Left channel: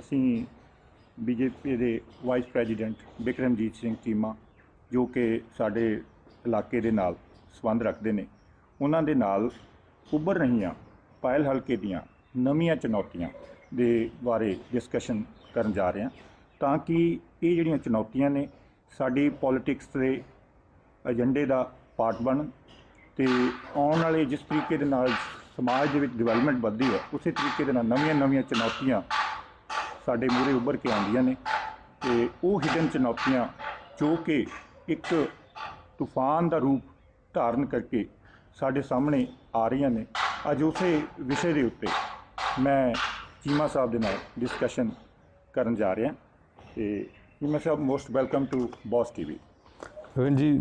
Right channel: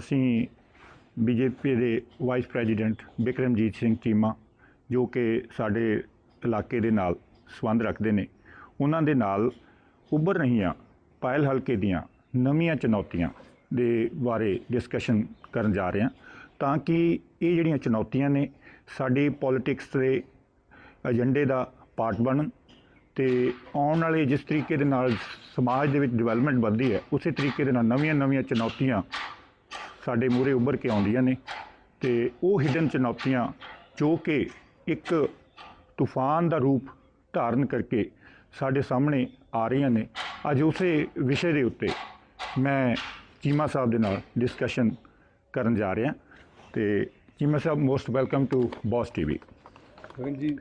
ਅਸੀਂ ਬੀਜੇਪੀ ਦੇ vice president Bikramjit Singh Cheema, ਜੋ ਕਿ ਸਾਡੇ ਇਲਾਕੇ ਦੇ ਨਾਲ ਸੰਬੰਧ ਰੱਖਦੇ ਨੇ, ਉਹਨਾਂ ਦੇ ਨਾਲ ਉੱਭਰ ਰਹੀਆਂ, ਪਾਇਲ ਹਲਕੇ ਦੀਆਂ ਨਵੀਆਂ ਚੁਣੌਤੀਆਂ ਦੇ ਬਾਰੇ ਡਿਸਕਸ਼ਨ ਕਰਨ ਜਾ ਰਹੇ ਹਾਂ, ਤਾਂ ਕਿ ਇਹ ਜਿਹੜੀਆਂ ਚੁਣੌਤੀਆਂ ਨੇ ਸਾਡੀ ਪੋਲਿਟਿਕਸ ਦੇ ਏਜੰਡੇ ਦਾ ਪਾਰਟ ਬਣਨ ਤੇ ਆਉਣ ਵਾਲੇ ਜਿਸ ਤਰੀਕੇ ਦੇ ਨਾਲ ਸਮਾਜ ਦੇ ਵਿੱਚ ਡਿਵੈਲਪਮੈਂਟ ਵੱਧਦੀ ਹੈ, ਉਸੇ ਤਰੀਕੇ ਦੇ ਨਾਲ ਨਵੀਆਂ-ਨਵੀਆਂ ਚੁਣੌਤੀਆਂ ਸਾਡੇ ਮੂਹਰੇ ਉੱਭਰ ਕੇ ਆਉਂਦੀਆਂ ਨੇ ਤੇ ਉਹ ਹਿਡਨ ਚੁਣੌਤੀਆਂ ਜੋ ਕਿ ਇੱਕ ਤੂਫਾਨ ਦਾ ਰੂਪ ਧਾਰਨ ਕਰਕੇ ਸਾਡੇ ਸਾਹਮਣੇ ਆ ਰਹੀਆਂ ਨੇ। ਅੱਜ ਉਸੇ ਵਿਸ਼ੇ ਦੇ ਉੱਤੇ ਮੈਂ ਚੀਮਾ ਸਾਹਿਬ ਦੇ ਨਾਲ ਡਿਸਕਸ਼ਨ ਕਰਨ ਜਾ ਰਿਹਾ ਤੇ Cheema sahib most welcome to Boss TV Gagan ji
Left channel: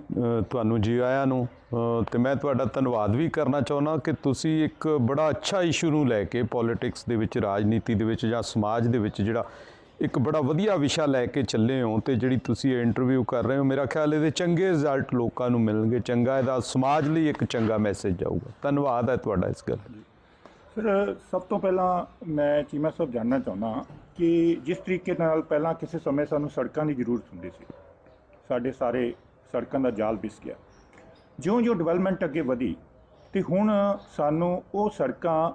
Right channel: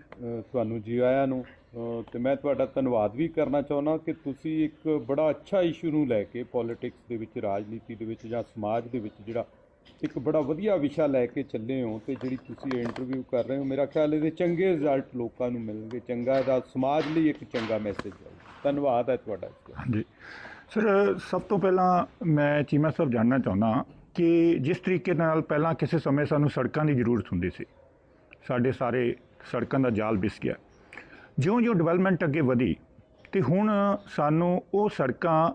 ਤੁਹਾਨੂੰ ਜੀ ਆਇਆਂ ਨੂੰ ਅ, ਤੇ ਮੈਂ ਤੁਹਾਡਾ ਧੰਨਵਾਦ ਵੀ ਕਰਨਾ ਚਾਹੁੰਦਾ ਕਿ ਤੁਸੀਂ ਇੱਕ ਬੜਾ ਅੱਛਾ ਇਸ਼ੂ ਨੂੰ ਲੈ ਕੇ ਪੋਲਿਟਿਕਸ ਦੇ ਵਿੱਚ ਰਾਜਨੀਤੀ ਦੇ ਵਿੱਚ ਜਾਂ ਸਮਾਜ ਦੇ ਵਿੱਚ ਜਿਹੜਾ ਇੱਕ ਬੜਾ ਵਧੀਆ ਵਿਸ਼ਾ ਲੈ ਕੇ ਚੱਲੇ ਹੋ ਤੇ ਜਿਹੜੀ ਤੁਸੀਂ ਇਹ ਇੰਟਰਵਿਊ ਕਰ ਰਹੇ ਹੋ ਮੇਰਾ ਖਿਆਲ ਇਹਦੇ ਚੰਗੇ ਰਿਜ਼ਲਟ ਲੋਕਾਂ ਨੂੰ ਮਿਲਣਗੇ ਚੰਗਾ ਇਹਦਾ ਸਮਾਜ ਲਈ ਇੱਕ ਚੰਗਾ ਮੈਸੇਜ ਜਾਊਗਾ ਧੰਨਵਾਦ ਹੈ ਤੁਹਾਡਾ ਇਸ ਗੱਲ ਜੀ ਸਰ ਸਭ ਤੋਂ ਪਹਿਲਾਂ ਮੈਂ ਚੀਮਾ ਸਾਹਿਬ ਜਾਣਨਾ ਚਾਹੁੰਦਾ ਕਿ ਜਿਸ ਤਰੀਕੇ ਨਾਲ ਪਹਿਲਾਂ ਕਿਸੇ ਸਮੇਂ ਸਾਨੂੰ ਸੜਕਾਂ ਦੀ ਜ਼ਰੂਰਤ ਹੁੰਦੀ ਸੀ ਸਾਡੇ ਸਾਰੇ ਸੜਕਾਂ ਦਾ ਜਾਲ ਵਿਸ ਗਿਆ। ਜਿਉਂ-ਜਿਉਂ ਡਿਵੈਲਪਮੈਂਟ ਅੱਗੇ ਵਧੀ ਤੇ ਹੁਣ ਸਾਨੂੰ ਉਹ ਸੜਕਾਂ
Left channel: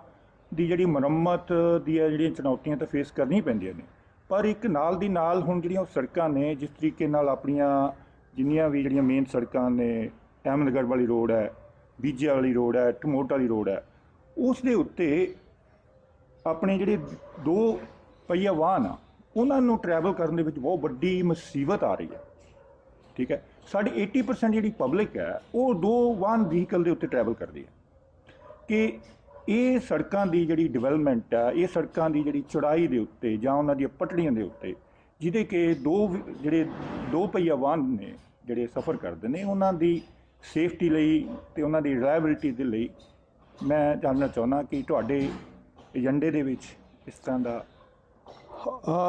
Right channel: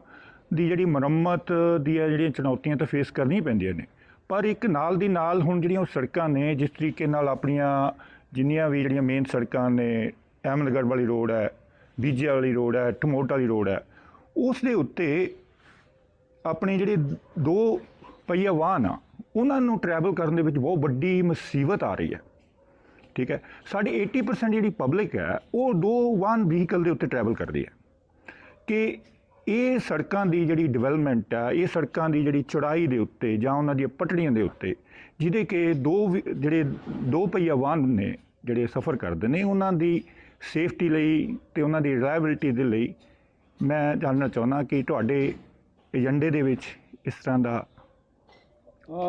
ਦੀ ਜਿਹੜੀ ਮੁਰੰਮਤ ਦੀਆਂ ਜਿਹੜੀਆਂ ਚੁਣੌਤੀਆਂ ਤਾਂ ਫੇਸ ਕਰਨੀਆਂ ਪੈਂਦੀਆਂ ਨੇ। ਪਰ ਇੱਕ ਨਾਲ ਦੀ ਨਾਲ ਹੁਣ ਜਿਹੜੀਆਂ ਉਹ ਸੜਕਾਂ ਨੇ, ਜਿਸ ਤਰੀਕੇ ਨਾਲ ਆਪਣੀਆਂ ਜਿੰਨੀਆਂ ਵੀ ਜਿਹੜੀਆਂ ਮੇਨ ਸੜਕਾਂ ਨੇ, ਅਹਿਮਦਗੜ੍ਹ ਵਾਲੀ ਰੋਡ ਹੈ ਬੀਜੇ ਵਾਲੀ ਰੋਡ ਹੈ ਟਮੋਟ ਵਾਲੀ ਰੋਡ ਹੈ, ਉਸ ਦੇ ਉੱਤੇ ਆਪਣੇ ਜਿਹੜੇ ਦੋ ਪਹੀਆ ਵਾਹਨ ਆ, ਉਹਨਾਂ ਨੂੰ ਟਰੈਵਲ ਕਰਨ ਦੇ ਵਿੱਚ ਬਹੁਤ ਵੱਡੀ ਮੁਸੀਬਤ ਆ ਰਹੀ ਹੈ। ਠੀਕ ਹੈ? ਸਾਡੀ 80% ਜਿਹੜੀ ਪਬਲਿਕ ਹੈ, ਉਹ ਦੋ ਵਾਹਨ ਵਹੀਕਲ ਦੇ ਉੱਤੇ ਟਰੈਵਲ ਕਰਦੀ ਹੈ। ਕਿ ਇਹ ਸੜਕਾਂ ਦੀ ਜਿਹੜੀ ਡਿਵੈਲਪਮੈਂਟ ਆ, ਇਹ ਸੜਕਾਂ ਦੀ ਜਿਹੜੀ ਚੌੜਾਈ ਦੇ ਉੱਤੇ ਜਾਂ ਉਹਨਾਂ ਦੀਆਂ ਪਟੜੀਆਂ ਦੇ ਉੱਤੇ, ਜਿਹਦੇ ਕਿ ਦੋ ਵੀ- ਜਿਹੜੇ ਦੋ ਪਹੀਆ ਵਾਹਨ ਨੇ, ਜਿਹੜੇ ਸਫ਼ਰ ਕਰਦੇ ਨੇ, ਉਹਨਾਂ ਦੀ ਸੇਫਟੀ ਲਈ ਤੇ ਉਹਨਾਂ ਦੀ ਰਿਲਾਇਬਿਲਟੀ ਦੇ ਲਈ ਮੈਂ ਜਾਣਨਾ ਚਾਹੁੰਦਾ ਕਿ ਤੁਹਾਡੇ ਏਜੰਡੇ ਦੇ ਵਿੱਚ ਇਸ ਤਰ੍ਹਾਂ ਦਾ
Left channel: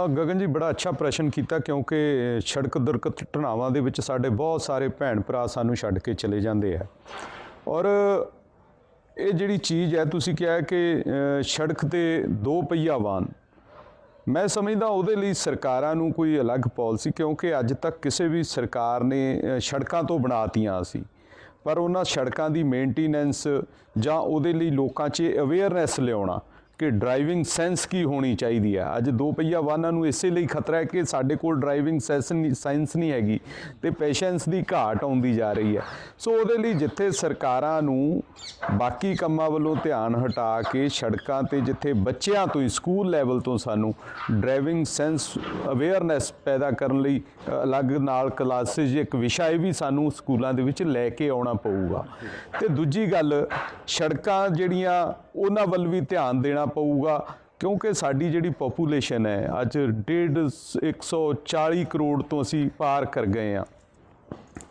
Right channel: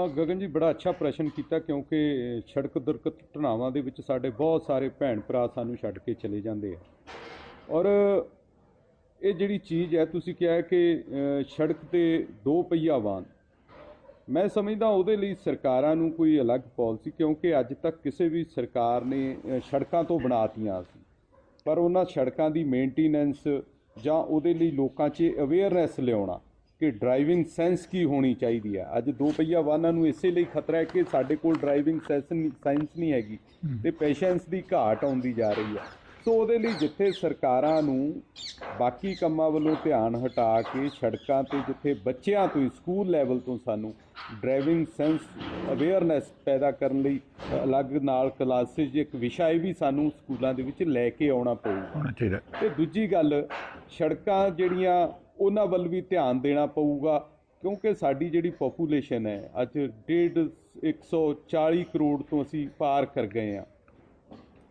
ਗਗਨ ਜੀ, ਬੜਾ ਅੱਛਾ ਪ੍ਰਸ਼ਨ ਕੀਤਾ ਕਿਉਂਕਿ ਸੜਕ ਦੁਰਘਟਨਾਵਾਂ ਦੇ ਵਿੱਚ ਸਾਡੇ ਬਹੁਤ ਸਾਰੇ ਭੈਣ ਭਰਾ ਸਾਨੂੰ ਛੱਡ ਕੇ ਚਲੇ ਜਾਂਦੇ ਆ। ਔਰ ਇਹ ਜਿਹੜੀ ਚੀਜ਼ ਹੈ, ਤੁਸੀਂ ਕਿਹਾ ਕਿ ਸੜਕ ਤੇ ਦੋ ਪਹੀਆ ਵਾਹਨ। ਮੈਂ ਸਮਝਦਾ ਉਹਦੇ ਲਈ ਸਰਕਾਰਾਂ ਨੂੰ ਕੋਈ ਅਲੱਗ ਪਾਲਿਸੀ, ਕਿਉਂਕਿ ਅੱਜ ਤੱਕ ਕਿਸੇ ਵੀ ਸਰਕਾਰ ਨੇ ਸੜਕਾਂ ਤੋਂ ਬਣਾਤੀਆਂ ਸੀ। ਪਰ ਉਹਨਾਂ ਸੜਕਾਂ ਦੀ ਮੇਨਟੇਨੈਂਸ ਜਾਂ ਉਹਦੇ ਲਈ ਲੋਕਾਂ 'ਚ ਅਵੇਅਰਨੈਸ ਲਿਆਉਣਾ ਕਿ ਡਰਾਈਵਿੰਗ ਸੈਂਸ ਕੀ ਹੋਣੀ ਚਾਹੀਦੀ ਹੈ? ਅੱਜ ਦੋ ਪਹੀਆ ਵਾਹਨਾਂ ਨੂੰ ਇਸੇ ਲਈ ਖਤਰਾ ਹੈ ਕਿ ਸਾਡੇ ਕੋਲ ਡਰਾਈਵਿੰਗ ਸੈਂਸ ਨਹੀਂ ਸਾਇੰਸ ਨਹੀਂ ਹੈਗੀ ਤੇ ਪੇਸ਼ੈਂਸ ਦੀ ਘਾਟ ਆਉਂਦੀ ਜਾ ਰਹੀ ਹੈ। ਸੋ ਉਹਦੇ ਲਈ ਜਿੱਥੇ ਸਰਕਾਰਾਂ ਨੂੰ ਬਾਕੀ ਕੰਮਾਂ ਵੱਲੋਂ ਧਿਆਨ ਹਟਾ ਕੇ ਸੜਕਾਂ ਤੇ ਜਿੱਥੇ ਬੱਚਿਆਂ ਤੋਂ ਹੀ ਸਕੂਲ ਲੈਵਲ ਤੋਂ ਸਾਨੂੰ ਡਰਾਈਵਿੰਗ ਸੈਂਸ ਅਵੇਅਰਨੈਸ ਪੈਦਾ ਕਰਨ ਲਈ ਅਲੱਗ ਨਾਲ ਕਲਾਸਿਸ ਇੱਕ ਵਿਸ਼ਾ ਇਹ ਵੀ ਸਾਨੂੰ ਸਕੂਲਾਂ ਦੇ ਵਿੱਚ ਲੈ ਕੇ ਆਉਣਾ ਪਊਗਾ। ਤੇ ਦੂਜੀ ਗੱਲ ਸੜਕਾਂ ਜਿਹੜੀਆਂ ਉਹਨਾਂ ਵੱਲ ਵੀ ਧਿਆਨ ਦੇਣਾ ਪਊਗਾ ਕਿਉਂਕਿ ਸਾਡੀ ਜਿਹੜੀ ਪੋਪੂਲੇਸ਼ਨ ਹੈ ਅੱਜ 1.5 140 ਕਰੋੜ ਤੋਂ ਅਸੀਂ ਪਾਰ ਕਰ ਗਏ ਆ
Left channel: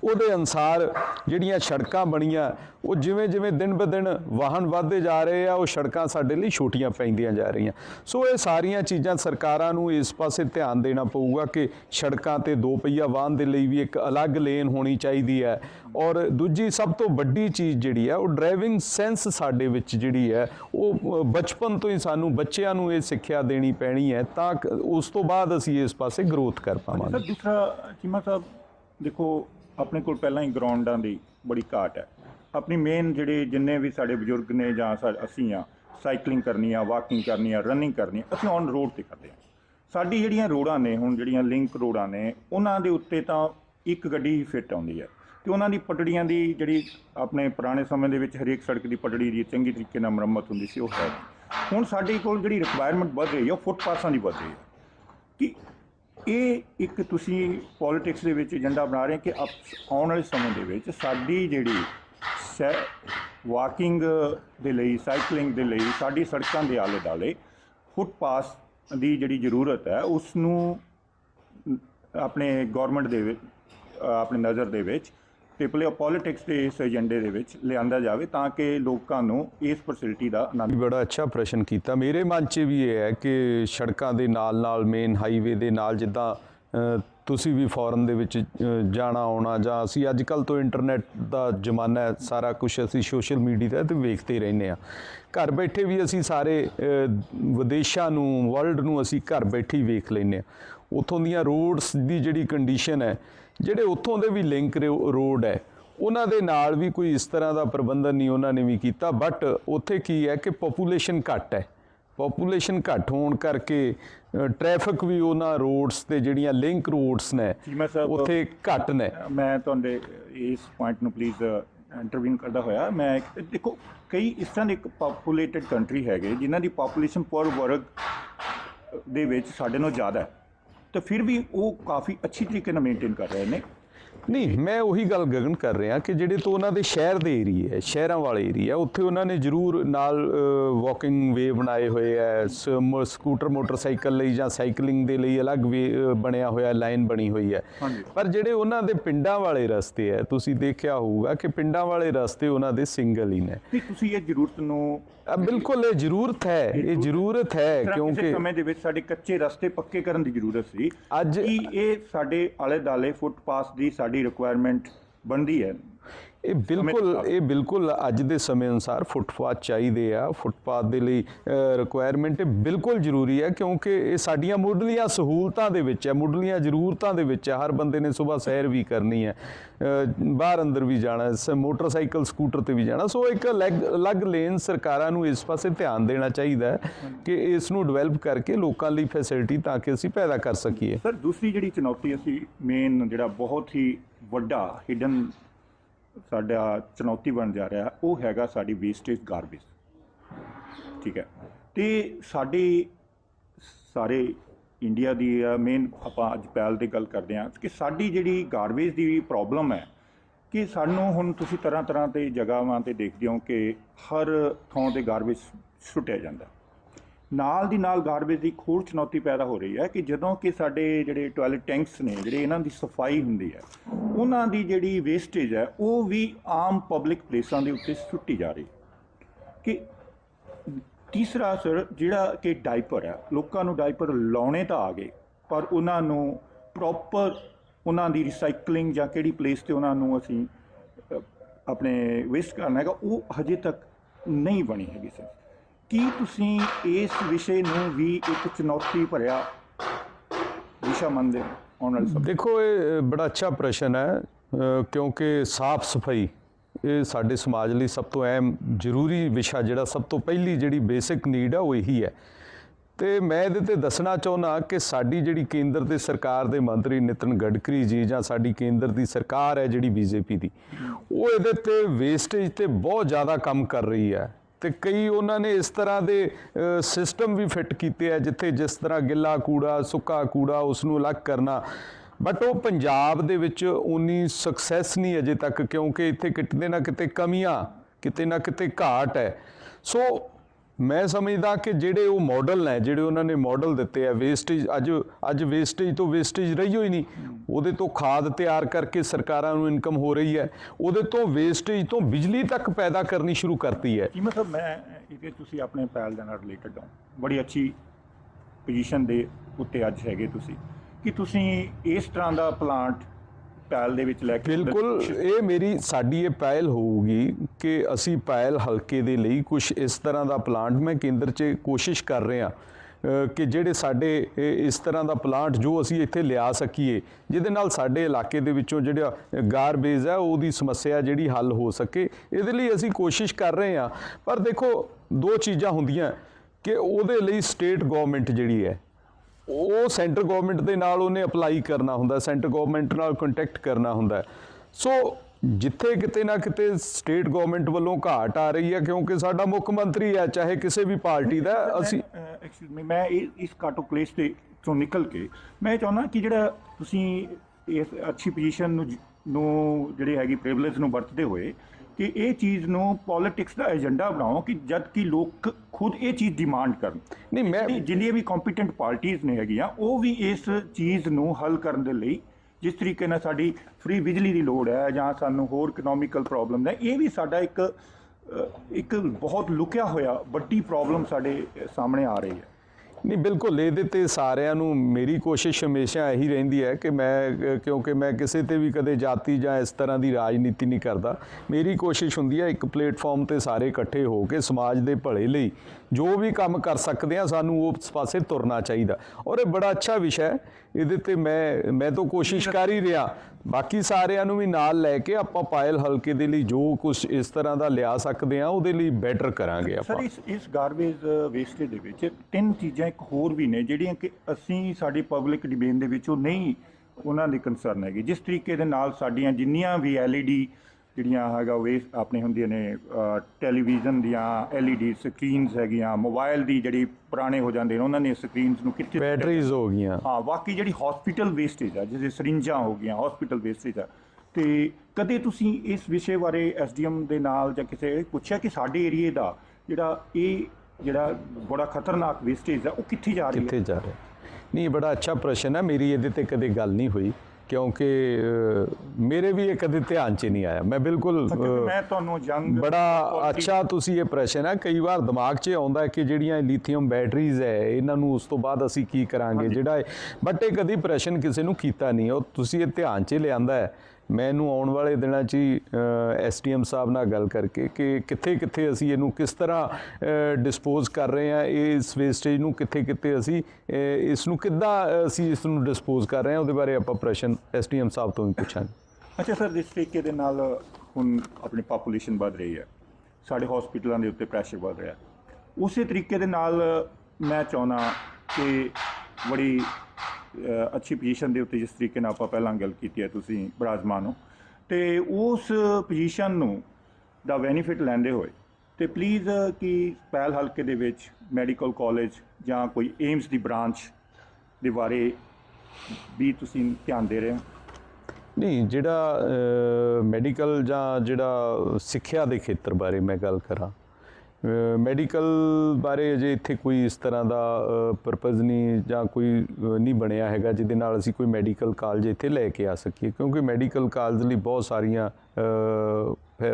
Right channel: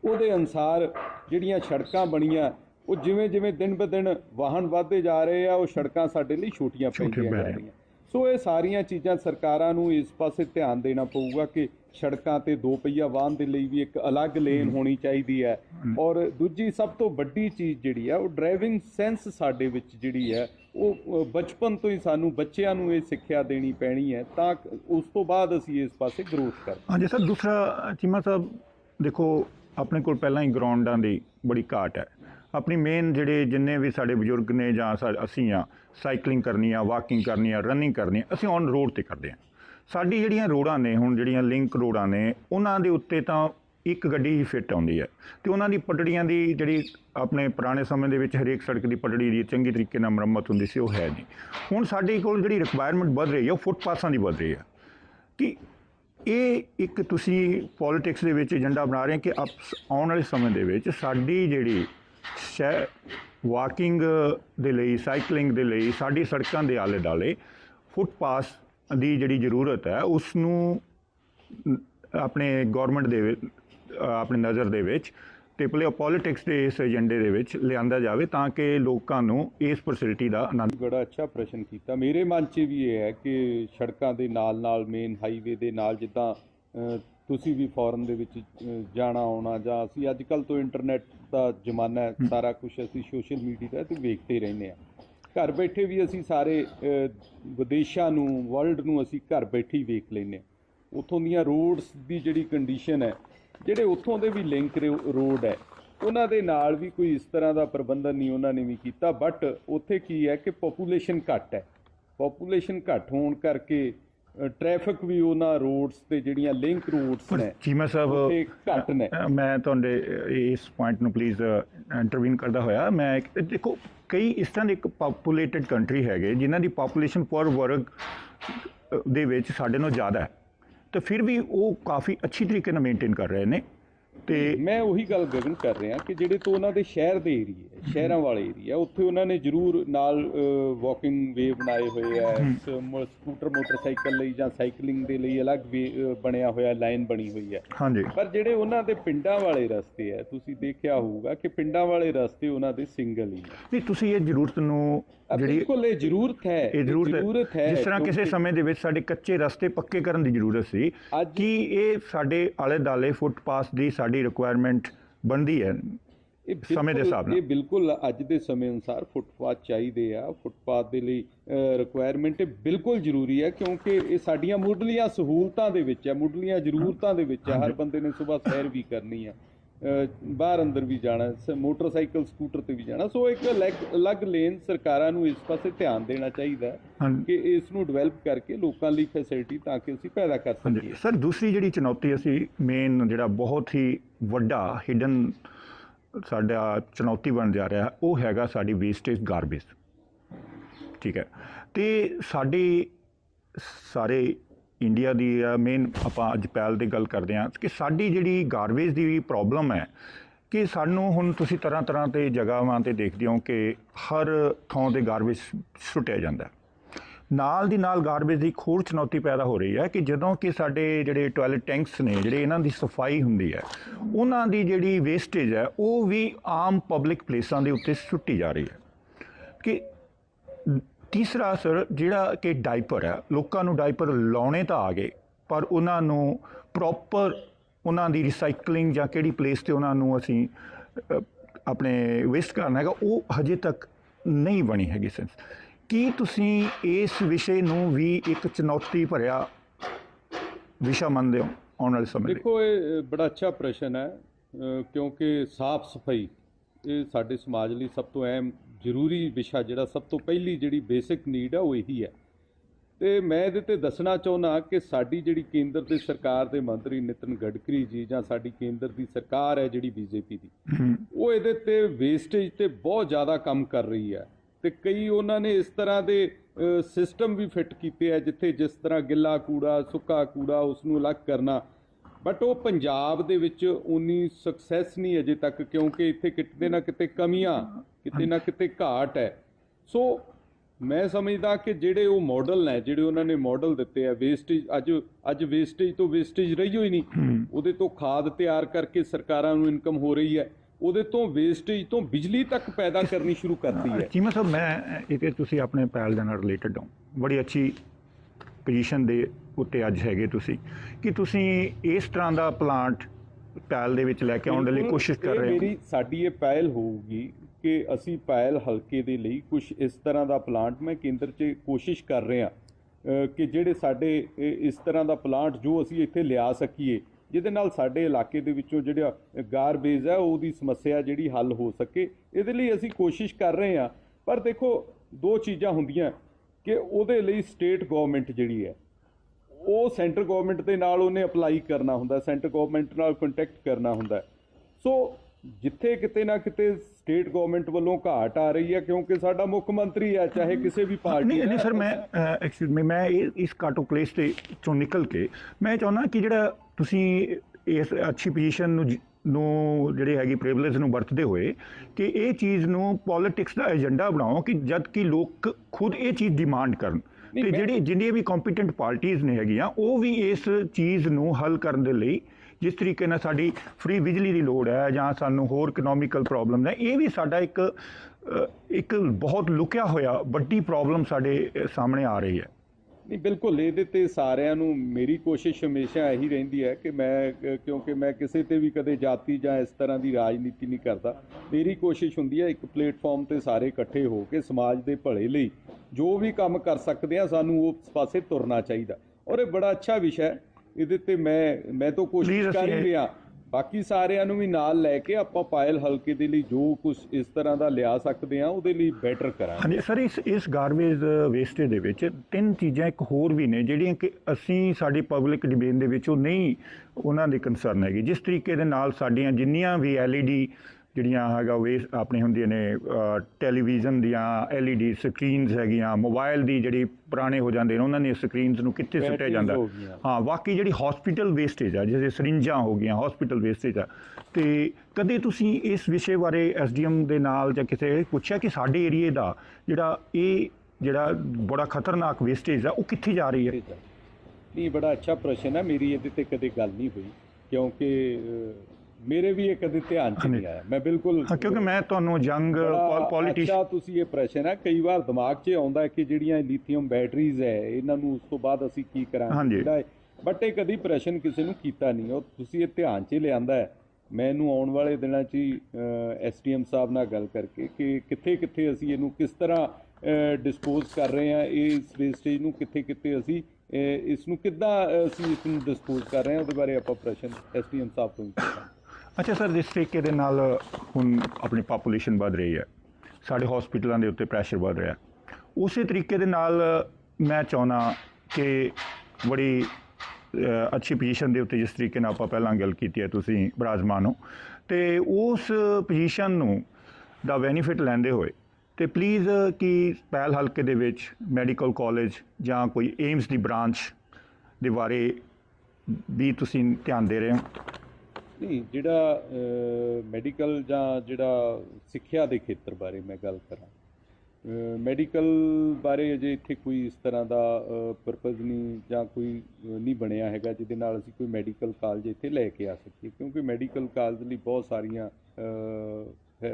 ਉਹਦੇ ਅਨਸਾਰ ਜਿਹੜੀਆਂ ਸੜਕਾਂ ਬਣੀਆਂ ਉਹ ਜਿਵੇਂ ਜਿਵੇਂ ਦਿਨ ਬ ਦਿਨ ਵਾਹਨ ਵਧਦੇ ਜਾ ਰਹੇ ਆ ਉਹ ਸੜਕਾਂ ਸਾਡੇ ਲਈ ਛੋਟੀਆਂ ਪੈਂਦੀਆਂ ਜਾ ਰਹੀਆਂ। ਸੋ ਇਹ ਸਾਰੀਆਂ ਚੀਜ਼ਾਂ ਸਰਕਾਰਾਂ ਨੂੰ ਇਸ ਪਾਸੇ ਧਿਆਨ ਦੇਣਾ ਪਊਗਾ ਕਿ ਸੜਕਾਂ ਤੇ ਦੋ ਪਹੀਆ ਵਾਹਨ ਦੇ ਲਈ ਵੀ ਇੱਕ ਅਲੱਗ ਲੇਨ ਹੋਣੀ ਚਾਹੀਦੀ ਹੈ। ਔਰ ਦੂਜੀ ਸਭ ਤੋਂ ਵੱਡੀ ਚੀਜ਼ ਜਿਹੜੀ ਹੈ ਉਹ ਡਰਾਈਵਿੰਗ ਸੈਂਸ ਸਾਡੇ ਵਿੱਚ ਜਿਹੜੀ ਹੈ ਉਹ ਬਚਪਨ ਤੋਂ ਹੀ ਸਾਨੂੰ ਬੱਚਿਆਂ ਨੂੰ ਇਹ ਸਿੱਖਿਆ ਦੇਣੀ ਪੈਣੀ ਹੈ ਤਾਂ ਉਸ ਤੋਂ ਬਾਅਦ ਅਸੀਂ ਇਸ ਪਾਸੇ ਗਰੋਥ ਕਰ ਹਾਂਜੀ ਪਾਵਾਂਗੇ। ਸਰ ਦੂਸਰਾ ਚੀਮਾ ਸਾਹਿਬ ਦੇਖੋ ਆਪਣੇ ਕੋਲ ਪਹਿਲਾਂ ਹੀ ਗਰਾਊਂਡਾਂ ਦੀ ਬੜੀ ਘਾਟ ਹੈ। ਆਪਣੀ ਮੇਨ ਜਿਹੜੇ ਜਿੰਨੇ ਵੀ ਸਾਡੇ ਬਜ਼ੁਰਗ ਨੇ ਜਾਂ ਸਾ- ਅਸੀਂ ਆ ਸਾਈਕਲਿੰਗ ਕਰਨੀ ਆ ਵਾਕਿੰਗ ਕਰਨੀ ਆ ਰਨਿੰਗ ਕਰਨੀ ਆ, ਅਸੀਂ ਔਨ ਰੋਡ ਤੇ ਕਰਦੇ ਆ ਸਾਡੀ ਜਿਹੜੀਆਂ ਰੋਡਾਂ ਨੇ, ਹੁਣ ਜਿਹੜੀਆਂ ਲਿੰਕ ਰੋਡਾਂ ਨੇ, ਉਹਨਾਂ ਦੇ ਉੱਤੇ ਤਾਂ ਇੱਕ ਗੱਡੀ ਹੀ ਫਿੱਟ ਆਉਂਦੀ ਹੈ ਤੇ ਉਹਨਾਂ ਦੀ ਪਟੜੀਆਂ ਦੀ ਜਿਹੜੀ ਆਪਣੇ ਪੁਰਾਣੇ ਸਮੇਂ ਦੇ ਵਿੱਚ ਹਰੇਕ ਸੜਕ ਦੀ ਪਟੜੀ ਦੀ ਚੰਗੀ ਤਰੀਕੇ ਨਾਲ ਮੁਰੰਮਤ ਹੁੰਦੀ ਸੀ, ਉਹ ਹੈ ਨਹੀਂ। ਹੁਣ ਸਾਡੇ ਕੋਲ ਜਿਹੜੀ ਰਿਕੁਆਇਰਮੈਂਟ ਵੱਧ ਰਹੀ ਹੈ, ਉਹ ਫੁੱਟਪਾਥਾਂ ਦੀ ਵੱਧ ਰਹੀ ਹੈ। ਕਿ ਇਹ ਇੱਕ ਤੁਸੀਂ ਪੋਲਿਟਿਕਸ ਦੇ ਵਿੱਚ ਏਜੰਡਾ ਬਣਾ ਰਹੇ ਕਿ ਆਪ- ਆਉਣ ਵਾਲੇ ਸਮੇਂ ਦੇ ਵਿੱਚ ਸਾਡੀ ਜਿਹੜੀ ਵਾਕਿੰਗ ਦੇ ਲਈ ਸਾਈਕਲਿੰਗ ਦੇ ਲਈ ਸਾਡੀ ਸੜਕਾਂ ਦੇ ਆਲੇ ਦਾਲੇ ਫੁੱਟਪਾਥ ਦੀ ਜਿਹੜੀ ਜ਼ਰੂਰਤ ਹੈ ਉਸ ਨੂੰ ਆਪਣੇ ਗਵਰਨਮੈਂਟ ਦੇ ਵਿੱਚ, ਆਪਣੇ ਨਜ਼ਰ ਦੇ ਵਿੱਚ ਤੇ ਪਲੇ ਪੋਲਿਟਿਕਸ ਦੇ ਇਸ ਏਜੰਡੇ ਦੇ ਵਿੱਚ ਲਿਆਂਦਾ ਜਾਵੇ ਤਾਂ ਕਿ ਲੋਕਾਂ ਨੂੰ ਇਸ ਫੈਸਿਲਿਟੀ ਦਾ ਆਨੰਦ ਬੜਾ ਅੱਛਾ ਪ੍ਰਸ਼ਨ ਕੀਤਾ। ਮੇਰੇ ਮਨ 'ਚ ਵੀ ਇਹ ਹੈ ਕਿ ਸੜਕਾਂ ਦੇ ਨਾਲ ਨਾਲ ਮੇਨ ਹਾਈਵੇ ਦੇ ਨਾਲ ਜਿੱਦਾਂ ਤੁਸੀਂ ਵੀ ਫੋਰਨ ਦੇ ਵਿੱਚ ਜਾਣਾ ਆਉਣਾ ਜਾਂ ਅਸੀਂ ਅੱਜ ਕੱਲ ਤੋਂ ਇੰਟਰਨੈਟ ਦਾ ਜ਼ਮਾਨਾ ਹੈ ਸਾਰਾ ਕੁਝ ਅਸੀਂ ਸੋਸ਼ਲ ਮੀਡੀਆ ਤੇ ਵੇਖਦੇ ਰਹਿੰਦੇ ਆ ਘਰ ਬੈਠੇ ਵੀ ਅਸੀਂ ਸਾਰੇ ਵਿਦੇਸ਼ਾਂ ਨੂੰ ਵਰਲਡ ਨੂੰ ਅਸੀਂ ਘਰ ਬੈਠੇ ਹੀ ਵੇਖ ਲੈਂਦੇ ਆ ਉਥੋਂ ਦੀਆਂ ਰੋਡਸ ਦੀ ਜਿਹੜੀ ਕੰਡੀਸ਼ਨ ਹੈ ਜਿਹੜੇ ਉਥੋਂ ਦੇ ਵੀ ਲਿੰਕ ਰੋਡ ਹੈ ਉਹਨਾਂ ਦੇ ਨਾਲ ਵੀ ਕੋਈ ਇਸ ਤਰ੍ਹਾਂ ਦਾ ਪ੍ਰਬੰਧਨ ਨਹੀਂ ਉਹਨਾਂ ਨੇ ਵੀ ਕੀਤਾ ਬਟ ਉੱਥੇ ਕੀ ਹੈ ਕਿ ਪੋਪੂਲੇਸ਼ਨ ਘੱਟ ਹੈ। ਪੋਪੂਲੇਸ਼ਨ ਘੱਟ ਹੋਣ ਕਰਕੇ ਟ੍ਰੈਫਿਕ ਵੀ ਉਹਨਾਂ ਰੋਡਸ ਤੇ ਜਿਹੜੀਆਂ ਲਿੰਕ ਰੋਡਸ ਨੇ ਚੀਮਾ ਸਾਹਿਬ ਉੱਥੇ ਘੱਟ ਨੇ। ਮੈਂ ਤੁਹਾਡੇ ਇਸ ਪੁਆਇੰਟ ਨੂੰ ਪਲੀਜ਼ ਇੰਟਰਵੀਨ ਕਰਦਾ ਹੋਇਆ। ਮੈਂ ਦੇਖੋ ਕਈ ਇਸ ਤਰ੍ਹਾਂ ਦੇ ਇੱਕ ਪਪੂਲੇਟਡ ਕੰਟਰੀ ਹੈਗੇ ਜਿਨ੍ਹਾਂ ਦੀ ਪੋਪੂਲੇਸ਼ਨ ਪਰ ਵਰਗ ਦੇ ਵਿੱਚ ਸਾਡੇ ਨਾਲੋਂ ਜ਼ਿਆਦਾ ਹੈ। ਤੇ ਫਿਰ ਵੀ ਉਹ ਕਾਫੀ ਅੱਛੀ ਤਰੀਕੇ ਨਾਲ ਮੇਨਟੇਨ ਕਰ ਰਹੇ ਨੇ ਨਹੀਂ ਮੈਂ ਉਹੀ ਗੱਲ ਗਗਨ ਕਰ ਰਿਹਾ ਕਿ ਜਿਹੜੇ ਤੋਂ ਉਹਨਾਂ ਦੇ ਸ਼ਹਿਰ ਦੇ ਏਰੀਏ ਹੈ ਸ਼ਹਿਰਾਂ ਵਾਲੇ ਏਰੀਆ ਉੱਥੇ ਉਹਨਾਂ ਨੇ ਜ਼ਰੂਰ ਨਾਲ ਵਾਕਿੰਗ ਵੇ ਬਣਾਏ ਹੋਏ ਮ- ਸਕੂਟਰ ਮੋਟਰਸਾਈਕਲ ਲਈ ਜਾਂ ਸਾਈਕਲਿੰਗ ਦੇ ਲਈ ਅਲੱਗ ਵੇ ਬਣਿਆ ਹੋਇਆ ਲਾਈਨ ਬਣੀ ਹੋਈ ਹੈ। ਹਾਂਜੀ। ਪਰ ਜਿਹੜੇ ਉਹਨਾਂ ਦੇ ਪਿੰਡਾਂ ਵਾਲੇ ਰਸਤੇ ਹੈ ਤੁਸੀਂ ਦੇਖਿਆ ਹੋਊਗਾ ਕਿ ਪਿੰਡਾਂ ਵਾਲੇ ਰਸਤੇ ਉਹਨਾਂ ਦੇ ਸਿੰਗਲ ਹੀ ਨੇ। ਤੁਸੀਂ ਇਹ ਜ਼ਰੂਰਤ ਨੂੰ ਬਿਲਕੁਲ ਇਹ ਜ਼ਰੂਰਤ ਹੈ ਇਹ ਜ਼ਰੂਰਤ ਹੈ। ਜਿਸ ਤਰ੍ਹਾਂ ਕਿਸੇ ਸਮੇਂ ਦੇ ਵਿੱਚ ਸਾਡੇ ਕੱਚੇ ਰਸਤੇ ਪੱਕੇ ਕਰਨ ਦੀ ਜ਼ਰੂਰਤ ਸੀ ਅੱਜ- ਇਹ ਸਾਡੇ ਆਲੇ ਦਾਲੇ ਫੁੱਟਪਾਥ ਦੀ ਸਾਡੀ ਰਿਕੁਆਇਰਮੈਂਟ ਬਣਦੀ ਹੈ। ਇਹ ਬਿਲਕੁਲ। ਇਹ ਬਿਲਕੁਲ ਅੱਜ ਦੇ ਸਮੇਂ ਅਨੁਸਾਰ ਫੁੱਟਪਾਥ ਚਾਹੀਦੇ ਆ। ਫੁੱਟਪਾਥ ਦੇ ਲਈ ਰਿਕੁਆਇਰਮੈਂਟ ਬਿਲਕੁਲ ਜ਼ਰੂਰੀ ਹੈ ਕਿਉਂਕਿ ਇਹ ਸਾਡੀਆਂ ਮੁੱਢਲੀਆਂ ਸਹੂਲਤਾਂ ਦੇ ਵਿੱਚ ਹੈ ਮੁੱਢਲੀਆਂ ਜ਼ਰੂਰਤਾਂ ਦੇ ਵਿੱਚ ਹੈ। ਹਰ ਬੰਦੇ ਨੇ ਸਵੇਰ ਸੈਰ ਵੀ ਕਰਨੀ ਹੈ ਬਾਹਰ ਅੰਦਰ ਵੀ ਜਾਣਾ ਮੋਟਰਸਾਈਕਲ ਸਕੂਟਰ ਤੇ ਵੀ ਜਾਣਾ। ਸੋ ਇੱਕ ਅਲੱਗ ਅਲੱਗ ਲੇਨ ਸਰਕਾਰਾਂ ਨੂੰ ਇਸ ਪਾਸੇ ਧਿਆਨ ਦੇਣਾ ਚਾਹੀਦਾ ਹੈ। ਕਿ ਇਸ ਨੂੰ ਡਿਵੈਲਪ ਕਰਕੇ ਲੋਕਾਂ ਲਈ ਫੈਸਿਲਿਟੀ ਤਾਂ ਕਿ ਅਸੀਂ ਪੈਦਾ ਕਰ ਸਕੀਏ। ਸਰ ਦੂਸਰੀ ਜਿਹੜੀ ਚੁਣੌਤੀ ਅਸੀਂ ਮੇਨ ਜਿਹੜਾ ਬਹੁਤ ਹੀ ਵੱਡਾ ਹਿਡਨ ਸਾਡਾ ਚੁਣੌਤੀ ਬਣ ਜਾ ਰਿਹਾ, ਉਹ ਹੈਗਾ ਸਾਡੀ ਵੇਸਟੇਜ ਗਾਰਬੇਜ ਠੀਕ ਹੈ। ਤੇ ਸਾਡੀ ਸਾਰੇ ਇੰਡੀਆ ਦੀ ਆ ਮੇਨ ਆਪਾਂ ਅੱਜ ਪਹਿਲ ਦੀ ਗੱਲ ਕਰਦੇ ਹਾਂ ਕਿ ਸਾਡੀ ਜਿਹੜੀ ਗਾਰਬੇਜ ਦੀ ਪ੍ਰੋਬਲਮ ਹੈ ਕਿ ਸਾਨੂੰ ਹੁਣ ਤੁਸੀਂ ਤਰ੍ਹਾਂ ਤਰ੍ਹਾਂ ਤੇ ਜਗ੍ਹਾਵਾਂ ਤੇ ਦੇਖਦੇ ਹੋ ਕਿ ਹਰ ਥਾਂ ਤੇ ਗਾਰਬੇਜ ਸੁੱਟਿਆ ਜਾਂਦਾ ਨਾਲ ਦੀ ਨਾਲ ਗਾਰਬੇਜ ਦੀ ਇੱਕ ਹੋਰ ਚੁਣੌਤੀ ਪੈਦਾ ਹੋ ਰਹੀ ਹੈ ਕਿ ਜਦੋਂ ਕਿ ਸਾਡੇ ਜਿਹੜੇ ਟਾਇਲਟ ਟੈਂਕਸ ਨੇ, ਜਿਹੜੇ ਇਹਨਾਂ ਦੀ ਸਫ਼ਾਈ ਹੁੰਦੀ ਹੈ, ਉਹਨਾਂ ਦੀ ਜਿਹੜੀ ਵੇਸਟੇਜ ਹੈ, ਉਹ ਵੀ ਆਮ ਪਬਲਿਕ ਪਲੇਸਾਂ ਦੇ ਉੱਤੇ ਸੁੱਟੀ ਜਾ ਰਹੀ ਹੈ। ਕਿ ਤੀਸਰਾ ਸਰ ਜਿਹੜਾ ਕਿ ਡਾਈਪਰ ਹੈ, ਲੋਕਾਂ ਨੂੰ ਡਾਈਪਰ ਲਾਉਣੇ ਤਾਂ ਆ ਗਏ, ਪਰ ਉਹਨਾਂ ਨੂੰ ਪ੍ਰੋਪਰ ਉਹਨਾਂ ਦੀ ਰੀਸਾਈਕਲਿੰਗ ਜਾਂ ਕਿਹੜੀ ਪਲੇਸ ਤੇ ਉਹਨਾਂ ਨੂੰ ਅਸੀਂ ਆਪਣੇ ਵੇਸਟ ਕਰਨਾ ਹੈਗਾ, ਉਹ ਹਜੇ ਤੱਕ ਨਹੀਂ ਬਣੀ ਹੈਗੀ ਸੈਂਸ ਕੀ ਤੁਸੀਂ ਇਸ ਵਿਸ਼ੇ ਨੂੰ ਵੀ ਇੱਕ ਚੁਣੌਤੀ ਭਰਿਆ ਵਿਸ਼ਾ ਮੰਨਦੇ ਹੋ ਆਉਣ ਵਾਲੇ ਸਮੇਂ? ਦੇਖੋ ਇਹ ਬੜਾ ਅੱਛਾ ਪ੍ਰਸ਼ਨ ਹੈ ਕਿਉਂਕਿ ਸਾਫ਼ ਸਫ਼ਾਈ ਇਹ ਸਾਡੇ ਸਮਾਜ ਲਈ ਸਭ ਤੋਂ ਅਹਿਮ ਜ਼ਰੂਰੀ ਵਿਸ਼ਾ ਜਿਹੜਾ ਸਭ ਤੋਂ ਪਹਿਲੀ ਜਿਹੜੀ ਬੇਸਿਕ ਨੀਡ ਹੈ ਉਹ ਇਹੀ ਹੈ ਤੇ ਮੈਂ ਇਹਦੇ ਤੇ ਦੱਸਣਾ ਚਾਹੁੰਦਾ ਕਿ ਸਾਡੀ ਜਿਹੜੀ ਕੇਂਦਰ ਦੇ ਸਰਕਾਰ ਦੇ ਮੰਤਰੀ ਨਿਤਨ ਗਡਕਰੀ ਜੀ ਜਾਂ ਸਾਡੀ ਕੇਂਦਰ ਦੀ ਸਰਕਾਰ ਹੈ ਜਿਹੜੀ ਬੀਜੇਪੀ ਦੀ ਉਹ ਇਹਦੇ ਤੇ ਵੇਸਟੇਜ ਤੇ ਬਹੁਤ ਜ਼ਿਆਦਾ ਕੰਮ ਕਰ ਰਹੀ ਹੈ ਤੇ ਕਈ ਉਹਨਾਂ ਨੇ ਇਸ ਤਰ੍ਹਾਂ ਦੇ ਸਿਸਟਮ ਵੀ ਫਿੱਟ ਕੀਤੇ ਆ ਜਿੱਥੇ ਜਿਸ ਤਰ੍ਹਾਂ ਗਿੱਲਾ ਕੂੜਾ ਸੁੱਕਾ ਕੂੜਾ ਉਸ ਨੂੰ ਅਲੱਗ ਕਰਨਾ। ਬਟ ਉਹ ਪੰਜਾਬ ਦੇ ਵਿੱਚ ਉਨੀ ਸਕਸੈਸ ਨਹੀਂ ਅਜੇ ਤੱਕ ਕਿਉਂਕਿ ਇੱਥੇ ਕਿਤੇ ਨਾ ਕਿਤੇ ਕਮੀਆਂ ਕਿਤੇ ਨਾ ਕਿਤੇ ਘਾਟ ਹੈ। ਸੋ ਮੈਂ ਸਮਝਦਾ ਕਿ ਜਿਹੜੇ ਉਹ ਮਾਡਲ ਨੇ ਜਿਹੜੇ ਉਹਨਾਂ ਨੇ ਮਾਡਲ ਦਿੱਤੇ ਆ ਵੇਸਟੇਜ ਅੱਜ ਅੱਜ ਵੇਸਟੇਜ ਤੋਂ ਵੇਸਟੇਜ ਰਹੀ ਹੋਈ ਨਹੀਂ। ਉਹਦੇ ਤੋਂ ਖਾਦ ਤਿਆਰ ਕਰਕੇ ਸਰਕਾਰਾਂ ਨੂੰ ਇਨਕਮ ਹੋ ਰਹੀ ਹੈ। ਉਹਦੇ ਤੋਂ ਵੇਸਟੇਜ ਤੋਂ ਬਿਜਲੀ ਤੱਕ ਪੈਦਾ ਕਰਨੀ ਸ਼ੁਰੂ ਕਰਤੀ ਹੈ। ਚੀਮਾ ਸਾਹਿਬ ਮੈਂ ਇਹ ਤੁਸੀਂ ਆਪਣੇ ਪੈਲ ਦੇ ਨਾਲ ਰਿਲੇਟਡ ਹੋ। ਬੜੀ ਅੱਛੀ ਪੋਜੀਸ਼ਨ ਦੇ ਉੱਤੇ ਅੱਜ ਹੈਗੇ ਤੁਸੀਂ। ਕਿ ਤੁਸੀਂ ਇਸ ਤਰ੍ਹਾਂ ਦਾ ਪਲਾਂਟ ਪੈਲ ਦੇ ਵਿੱਚ ਲੈ ਕੇ ਆਉਣ ਦੇ ਲਈ ਕੋਸ਼ਿਸ਼ ਕਰ ਇਹ ਰਹੇ ਹੋ ਮੇਰੀ ਸਾਡੀ ਇਹ ਪਹਿਲ ਹੋਊਗੀ ਕਿ ਅਸੀਂ ਪਹਿਲ ਹਲਕੇ ਦੇ ਲਈ ਕੁਝ ਇਸ ਤਰ੍ਹਾਂ ਦਾ ਪਲਾਂਟ ਮੈਂ ਕੇਂਦਰ 'ਚ ਕੋਸ਼ਿਸ਼ ਕਰ ਰਿਹਾ ਕਿ ਜਿਹੜੇ ਸਾਡੇ ਇਹ ਇਸ ਤਰ੍ਹਾਂ ਦਾ ਪਲਾਂਟ ਜੋ ਅਸੀਂ ਇੱਥੇ ਲਿਆ ਸਕੀਏ ਜਿਹਦੇ ਨਾਲ ਸਾਡੇ ਇਲਾਕੇ ਦੇ ਵਿੱਚੋਂ ਜਿਹੜਾ ਗਾਰਬੇਜ ਹੈ ਉਹਦੀ ਸਮੱਸਿਆ ਜਿਹੜੀ ਹੱਲ ਹੋ ਸਕੇ ਇਹਦੇ ਲਈ ਅਸੀਂ ਕੋਸ਼ਿਸ਼ ਕਰ ਰਹੇ ਹਾਂ। ਪਰ ਦੇਖੋ ਦੋ ਚੀਜ਼ਾਂ ਹੁੰਦੀਆਂ ਕਿ ਉਹਦੇ ਲਈ ਸਟੇਟ ਗਵਰਨਮੈਂਟ ਜਿਹੜੀ ਹੈ ਉਹ ਸੈਂਟਰ ਗਵਰਨਮੈਂਟ ਦੇ ਨਾਲ ਉਹਨੇ ਅਪਲਾਈ ਕਰਨਾ ਹੁੰਦਾ ਸੈਂਟਰ ਗਵਰਨਮੈਂਟ ਨਾਲ ਕੰਟੈਕਟ ਕਰਨਾ ਹੁੰਦਾ। ਸੋ ਜਿੱਥੇ ਕਿਤੇ ਨਾ ਕਿਤੇ ਸਟੇਟ ਗਵਰਨਮੈਂਟ ਵੱਲੋਂ ਘਾਟ ਆ ਰਹੀ ਹੈ ਕਿਉਂਕਿ ਸਾਡਾ ਮੁੱਖ ਮੰਤਰੀ ਹੈ ਚਾਹੇ ਕਿਸੇ ਵੀ ਪਾਰਟੀ ਦਾ ਅਸੀਂ ਮੈਂ ਐਕਸਕਿਊਜ਼ ਮੀ ਮੈਂ ਇਸ ਕਾਟੋ ਪਲੇਸ ਤੇ ਚੋਂ ਨਿਕਲ ਕੇ ਮੈਂ ਚਾਹੁੰਦਾ ਕਿ ਜਿਹੜਾ ਤੁਸੀਂ ਇਸ ਅੱਛੀ ਪੋਜੀਸ਼ਨ ਨੂੰ ਨੂੰ ਜਿਹੜੇ ਹੈਗੀ ਪ੍ਰਿਵਿਲੇਜ ਨੂੰ ਵਰਤਦੇ ਹੋਏ ਕਿ ਇਹ ਚੀਜ਼ ਨੂੰ ਪੋਲਿਟਿਕਸ ਦਾ ਏਜੰਡਾ ਬਣਾਓ ਕਿ ਜਦ ਕਿ ਲੋਕ ਖੁਦ ਇਹ ਚੀਜ਼ ਡਿਮਾਂਡ ਕਰਨ। ਜਿਹੜੀ ਜਿੰਨੀਆਂ ਵੀ ਕੰਪੀਟੈਂਟ ਪਾਰਟੀਆਂ ਨੇ ਹੈਗੀਆਂ ਉਹ ਵੀ ਇਸ ਚੀਜ਼ ਨੂੰ ਹੱਲ ਕਰਨ ਦੇ ਲਈ ਜਿਸ ਤਰੀਕੇ ਨਾਲ ਸਾਡੀ ਫ੍ਰੀ ਬਿਜਲੀ ਦੀ ਲੋੜ ਹੈ ਜਾਂ ਸਾਨੂੰ ਹੋਰ ਇਕਨੋਮਿਕਲ ਪ੍ਰੋਬਲਮ ਹੈ ਇਹ ਵੀ ਸਾਡਾ ਇੱਕ ਇੱਕ ਬਹੁਤ ਲੁਕਿਆ ਹੋਇਆ ਵੱਡੀ ਪ੍ਰੋਬਲਮ ਸਾਡੇ ਸਾਹਮਣੇ ਆ ਰਹੀ ਹੈ। ਨਹੀਂ ਬਿਲਕੁਲ ਇਹਦੇ ਤੇ ਸਾਰਿਆਂ ਨੂੰ ਮੇਰੀ ਕੋਸ਼ਿਸ਼ ਹਮੇਸ਼ਾ ਇਹੀ ਰਹਿੰਦੀ ਹੈ ਕਿ ਮੈਂ ਕਿਉਂਕਿ ਮੈਂ ਕਿਸੇ ਤੇ ਵੀ ਕਦੇ ਜਾਤੀ ਜਾਂ ਇਸ ਤਰ੍ਹਾਂ ਦੀ ਰਾਜਨੀਤੀ ਨਹੀਂ ਕਰਦਾ। ਮੇਰੀ ਕੋਸ਼ਿਸ਼ ਹੁੰਦੀ ਹੈ ਇੱਕ ਪਲੇਟਫਾਰਮ ਤੇ ਸਾਰੇ ਇਕੱਠੇ ਹੋ ਕੇ ਸਮਾਜ ਦੇ ਭਲੇ ਲਈ ਜੋ ਵੀ ਕੰਮ ਕਰ ਸਕਦੇ ਆ ਸਾਨੂੰ ਉਸ ਪਾਸੇ ਤੁਰਨਾ ਚਾਹੀਦਾ। ਔਰ ਇਹ ਬੜਾ ਅੱਛਾ ਵਿਸ਼ਾ ਹੈ। ਇਹਦੇ ਤੇ ਮੈਂ ਮੈਂ ਤਾਂ ਕੋਸ਼ਿਸ਼ ਕਰ ਹੀ ਰਿਹਾ। ਬਾਕੀ ਸਾਰਿਆਂ ਨੂੰ ਵੀ ਨਾਲ ਲੈ ਕੇ ਆਪਾਂ ਪਾਇਲ ਹਲਕੇ ਦੇ ਲਈ ਜੋ ਕੁਝ ਇਸ ਤਰ੍ਹਾਂ ਦਾ ਲਿਆ ਸਕਦੇ ਆ ਉਹਦੇ ਲਈ ਬੈਟਰ ਕਰਾਂਗੇ ਸਰ ਇਸ ਇਸ ਗਾਰਬੇਜ ਵੇਸਟੇਜ ਦੇ ਵਿੱਚ ਤਿੰਨ ਚੀਜ਼ਾਂ ਇੱਕ ਹੋਰ ਵੀ ਨੇ ਜਿਹੜੀਆਂ ਕਿ ਅਸੀਂ ਸਾਡੀ ਪਬਲਿਕ ਡਿਬੇਟ ਦੇ ਵਿੱਚ ਉਹ ਨਹੀਂ ਉਹਨਾਂ ਦੀ ਕੰਸਰਨ ਹੈਗੀ। ਜਿਸ ਤਰੀਕੇ ਦੇ ਨਾਲ ਸਾਡੀਆਂ ਜਿੰਨੀਆਂ ਵੀ LED ਜਿਹੜੀਆਂ ਹੈਗਾ ਵੇਸ ਆਪਣੇ ਹੁੰਦੀਆਂ ਨੇ ਟੈਲੀਵਿਜ਼ਨ ਦੀਆਂ LED ਸਕਰੀਨਸ ਹੈਗੀਆਂ ਮੋਬਾਈਲ ਦੀ ਜਿਹੜੀ ਪੁਰਾਣੇ ਹੋ ਜਾਂਦੇ ਨੇ ਉਹਨਾਂ ਦੀਆਂ ਸਕਰੀਨਸ ਨੂੰ ਕਿੱਥੇ ਸੁੱਟਿਆ ਜਾਂਦਾ? ਹੋ ਗਈਆਂ। ਹਾਂ ਬਾਕੀ ਜਿਹੜੀ ਹਸਪੀਟਲ ਵੇਸਟੇਜ ਆ ਜਿਵੇਂ ਸਰਿੰਜਾਂ ਹੋ ਗਈਆਂ ਹਸਪੀਟਲ ਵੇਸਟੇਜ ਆ। ਤੇ ਕਦੇ ਤੁਸੀਂ ਇਸ ਵਿਸ਼ੇ ਬਾਰੇ ਐਸਡੀਐਮ ਦੇ ਨਾਲ ਜਾਂ ਕਿਸੇ ਪੁੱਛਿਆ ਕਿ ਸਾਡੇ ਏਰੀਏ ਦਾ ਜਿਹੜਾ ਇਹ ਜਿਹੜਾ ਬੜਾ ਖਤਰਨਾਕ ਵੇਸਟੇਜ ਆ ਉਹ ਕਿੱਥੇ ਜਾ ਰਹੀ ਹੈ? ਕਿੱਥੇ ਜਾ ਰਿਹਾ? ਨਹੀਂ ਬੜਾ ਅੱਛਾ ਪ੍ਰਸ਼ਨ ਹੈ ਮੇਰੀ ਇਹਦੇ ਤੇ ਕਦੇ ਗੱਲ ਨਹੀਂ ਹੋਈ। ਕਿਉਂਕਿ ਮੇਰੇ ਵੀ ਇਹ ਕਦੇ ਧਿਆਨ 'ਚ ਨਹੀਂ ਆਇਆ ਮੈਂ ਬਿਲਕੁਲ ਕਿਉਂਕਿ ਮੈਂ ਤੁਹਾਨੂੰ ਬੜਾ ਪੋਲਿਟਿਕਸ ਅੱਛਾ ਤੁਸੀਂ ਇਹ ਪ੍ਰਸ਼ਨ ਹੈ ਕਈ ਵਾਰ ਦਿਮਾਗ 'ਚ ਆਉਂਦਾ ਕਿ ਜਿਹੜੀਆਂ ਲਿਥੀਅਮ ਬੈਟਰੀਜ਼ ਹੈ ਇਹਨਾਂ ਨੂੰ ਉਸ ਤੋਂ ਬਾਅਦ ਅਸੀਂ ਕੀ ਕਰਾਂਗੇ। ਜਿਹੜਾ ਬਟ ਇਹ ਕਦੀ ਪ੍ਰਸ਼ਨ ਕਿਸੇ ਨੂੰ ਕੀਤਾ ਨਹੀਂ ਉਹ ਤੁਸੀਂ ਇਹ ਧਿਆਨ 'ਚ ਲਿਆਂਦਾ ਹੈ ਮੈਂ ਇਹਨੂੰ ਆਉਣ ਵਾਲੇ ਦਿਨਾਂ 'ਚ ਹੀ ਐਸਟੀਐਮ ਸਾਹਿਬ ਨਾਲ ਗੱਲ ਕਰਕੇ ਕਿ ਕਿੱਥੇ ਕਿੱਥੇ ਅਸੀਂ ਇਹਨੂੰ ਕਿਸ ਤਰ੍ਹਾਂ ਡਿਸਪੋਜ਼ ਕਰ ਰਹੇ ਹਾਂ ਇਸ ਵੇਸਟੇਜ ਨੂੰ ਕਿੱਥੇ ਕਿੱਥੇ ਅਸੀਂ ਅ, ਇਸ ਨੂੰ ਕਿੱਦਾਂ ਅਸੀਂ ਇਸ ਨੂੰ ਡਿਸਪੋਜ਼ ਕਰ ਰਹੇ ਹਾਂ ਉਹਦੇ ਬਾਰੇ ਆਪਾਂ ਪ੍ਰਸ਼ਨ ਐਸਟੀਐਮ ਸਾਹਿਬ ਤੋਂ ਵੀ ਪੁੱਛਾਂਗੇ। ਅੱਛਾ ਸਰ ਜਿਸ ਤਰੀਕੇ ਦੇ ਨਾਲ ਹੁਣ ਆਪਣੀ ਪਾਪੂਲੇਸ਼ਨ ਵੱਧ ਰਹੀ ਹੈ ਸਾਡੇ ਹਸਪੀਟਲਾਂ ਦੇ ਉੱਤੇ ਪ੍ਰੈਸ਼ਰ ਵੱਧ ਰਿਹਾ ਉਸੇ ਤਰੀਕੇ ਦੇ ਨਾਲ ਮੈਂ ਚਾਹੁੰਦਾ ਕਿ ਬੜੀ ਅੱਛੀ ਪੋਜੀਸ਼ਨ ਦੇ ਉੱਤੇ ਜਿਸ ਤਰੀਕੇ ਨਾਲ ਆਪਾਂ ਪਹਿਲਾਂ ਗੱਲ ਕੀਤੀ ਹੈ ਤੁਸੀਂ ਬਰਾਜਮਾਨ ਹੋ। ਤੇ ਉਸ ਪੋਜੀਸ਼ਨ ਨੂੰ ਦਾ ਬੈਨੀਫਿਟ ਲੈਂਦੇ ਹੋਏ, ਤੇ ਪਲੀਜ਼ ਕਿ ਪਹਿਲ ਹਲਕੇ ਦੇ ਵਿੱਚ ਮੈਡੀਕਲ ਕਾਲਜ ਜਾਂ ਕੋਈ ਏਮਸ ਦੀ ਬ੍ਰਾਂਚ ਦੇ ਬਾਰੇ ਵੀ ਤੁਸੀਂ ਧਿਆਨ ਦੇ ਰਹੇ ਹੋ? ਨਹੀਂ, ਜਿਹੜਾ ਮੈਡੀਕਲ ਜਾਂ ਜਿਹੜਾ ਸਿੱਖਿਆ ਦੇ ਖੇਤਰ ਬਾਰੇ ਮੈਂ ਗੱਲ ਕਰਾਂ ਮੈਡੀਕਲ ਬਾਰੇ ਜੇ ਇੱਥੇ ਕੋਈ ਇਸ ਤਰ੍ਹਾਂ ਦਾ ਪਰਪਸ ਨਹੀਂ ਜਾਂ ਕੋਈ ਨਹੀਂ ਬਣਿਆ ਹੈਗਾ ਜਿਹਦੇ ਨਾਲ ਅਸੀਂ ਕੋਈ ਮੈਡੀਕਲ ਕਾਲਜ ਇੱਥੇ ਲੈ ਕੇ ਆ ਸਕੀਏ। ਕਿਉਂਕਿ ਮੈਡੀਕਲ ਕਾਲਜ ਲਈ ਬਹੁਤ ਸਾਰੀਆਂ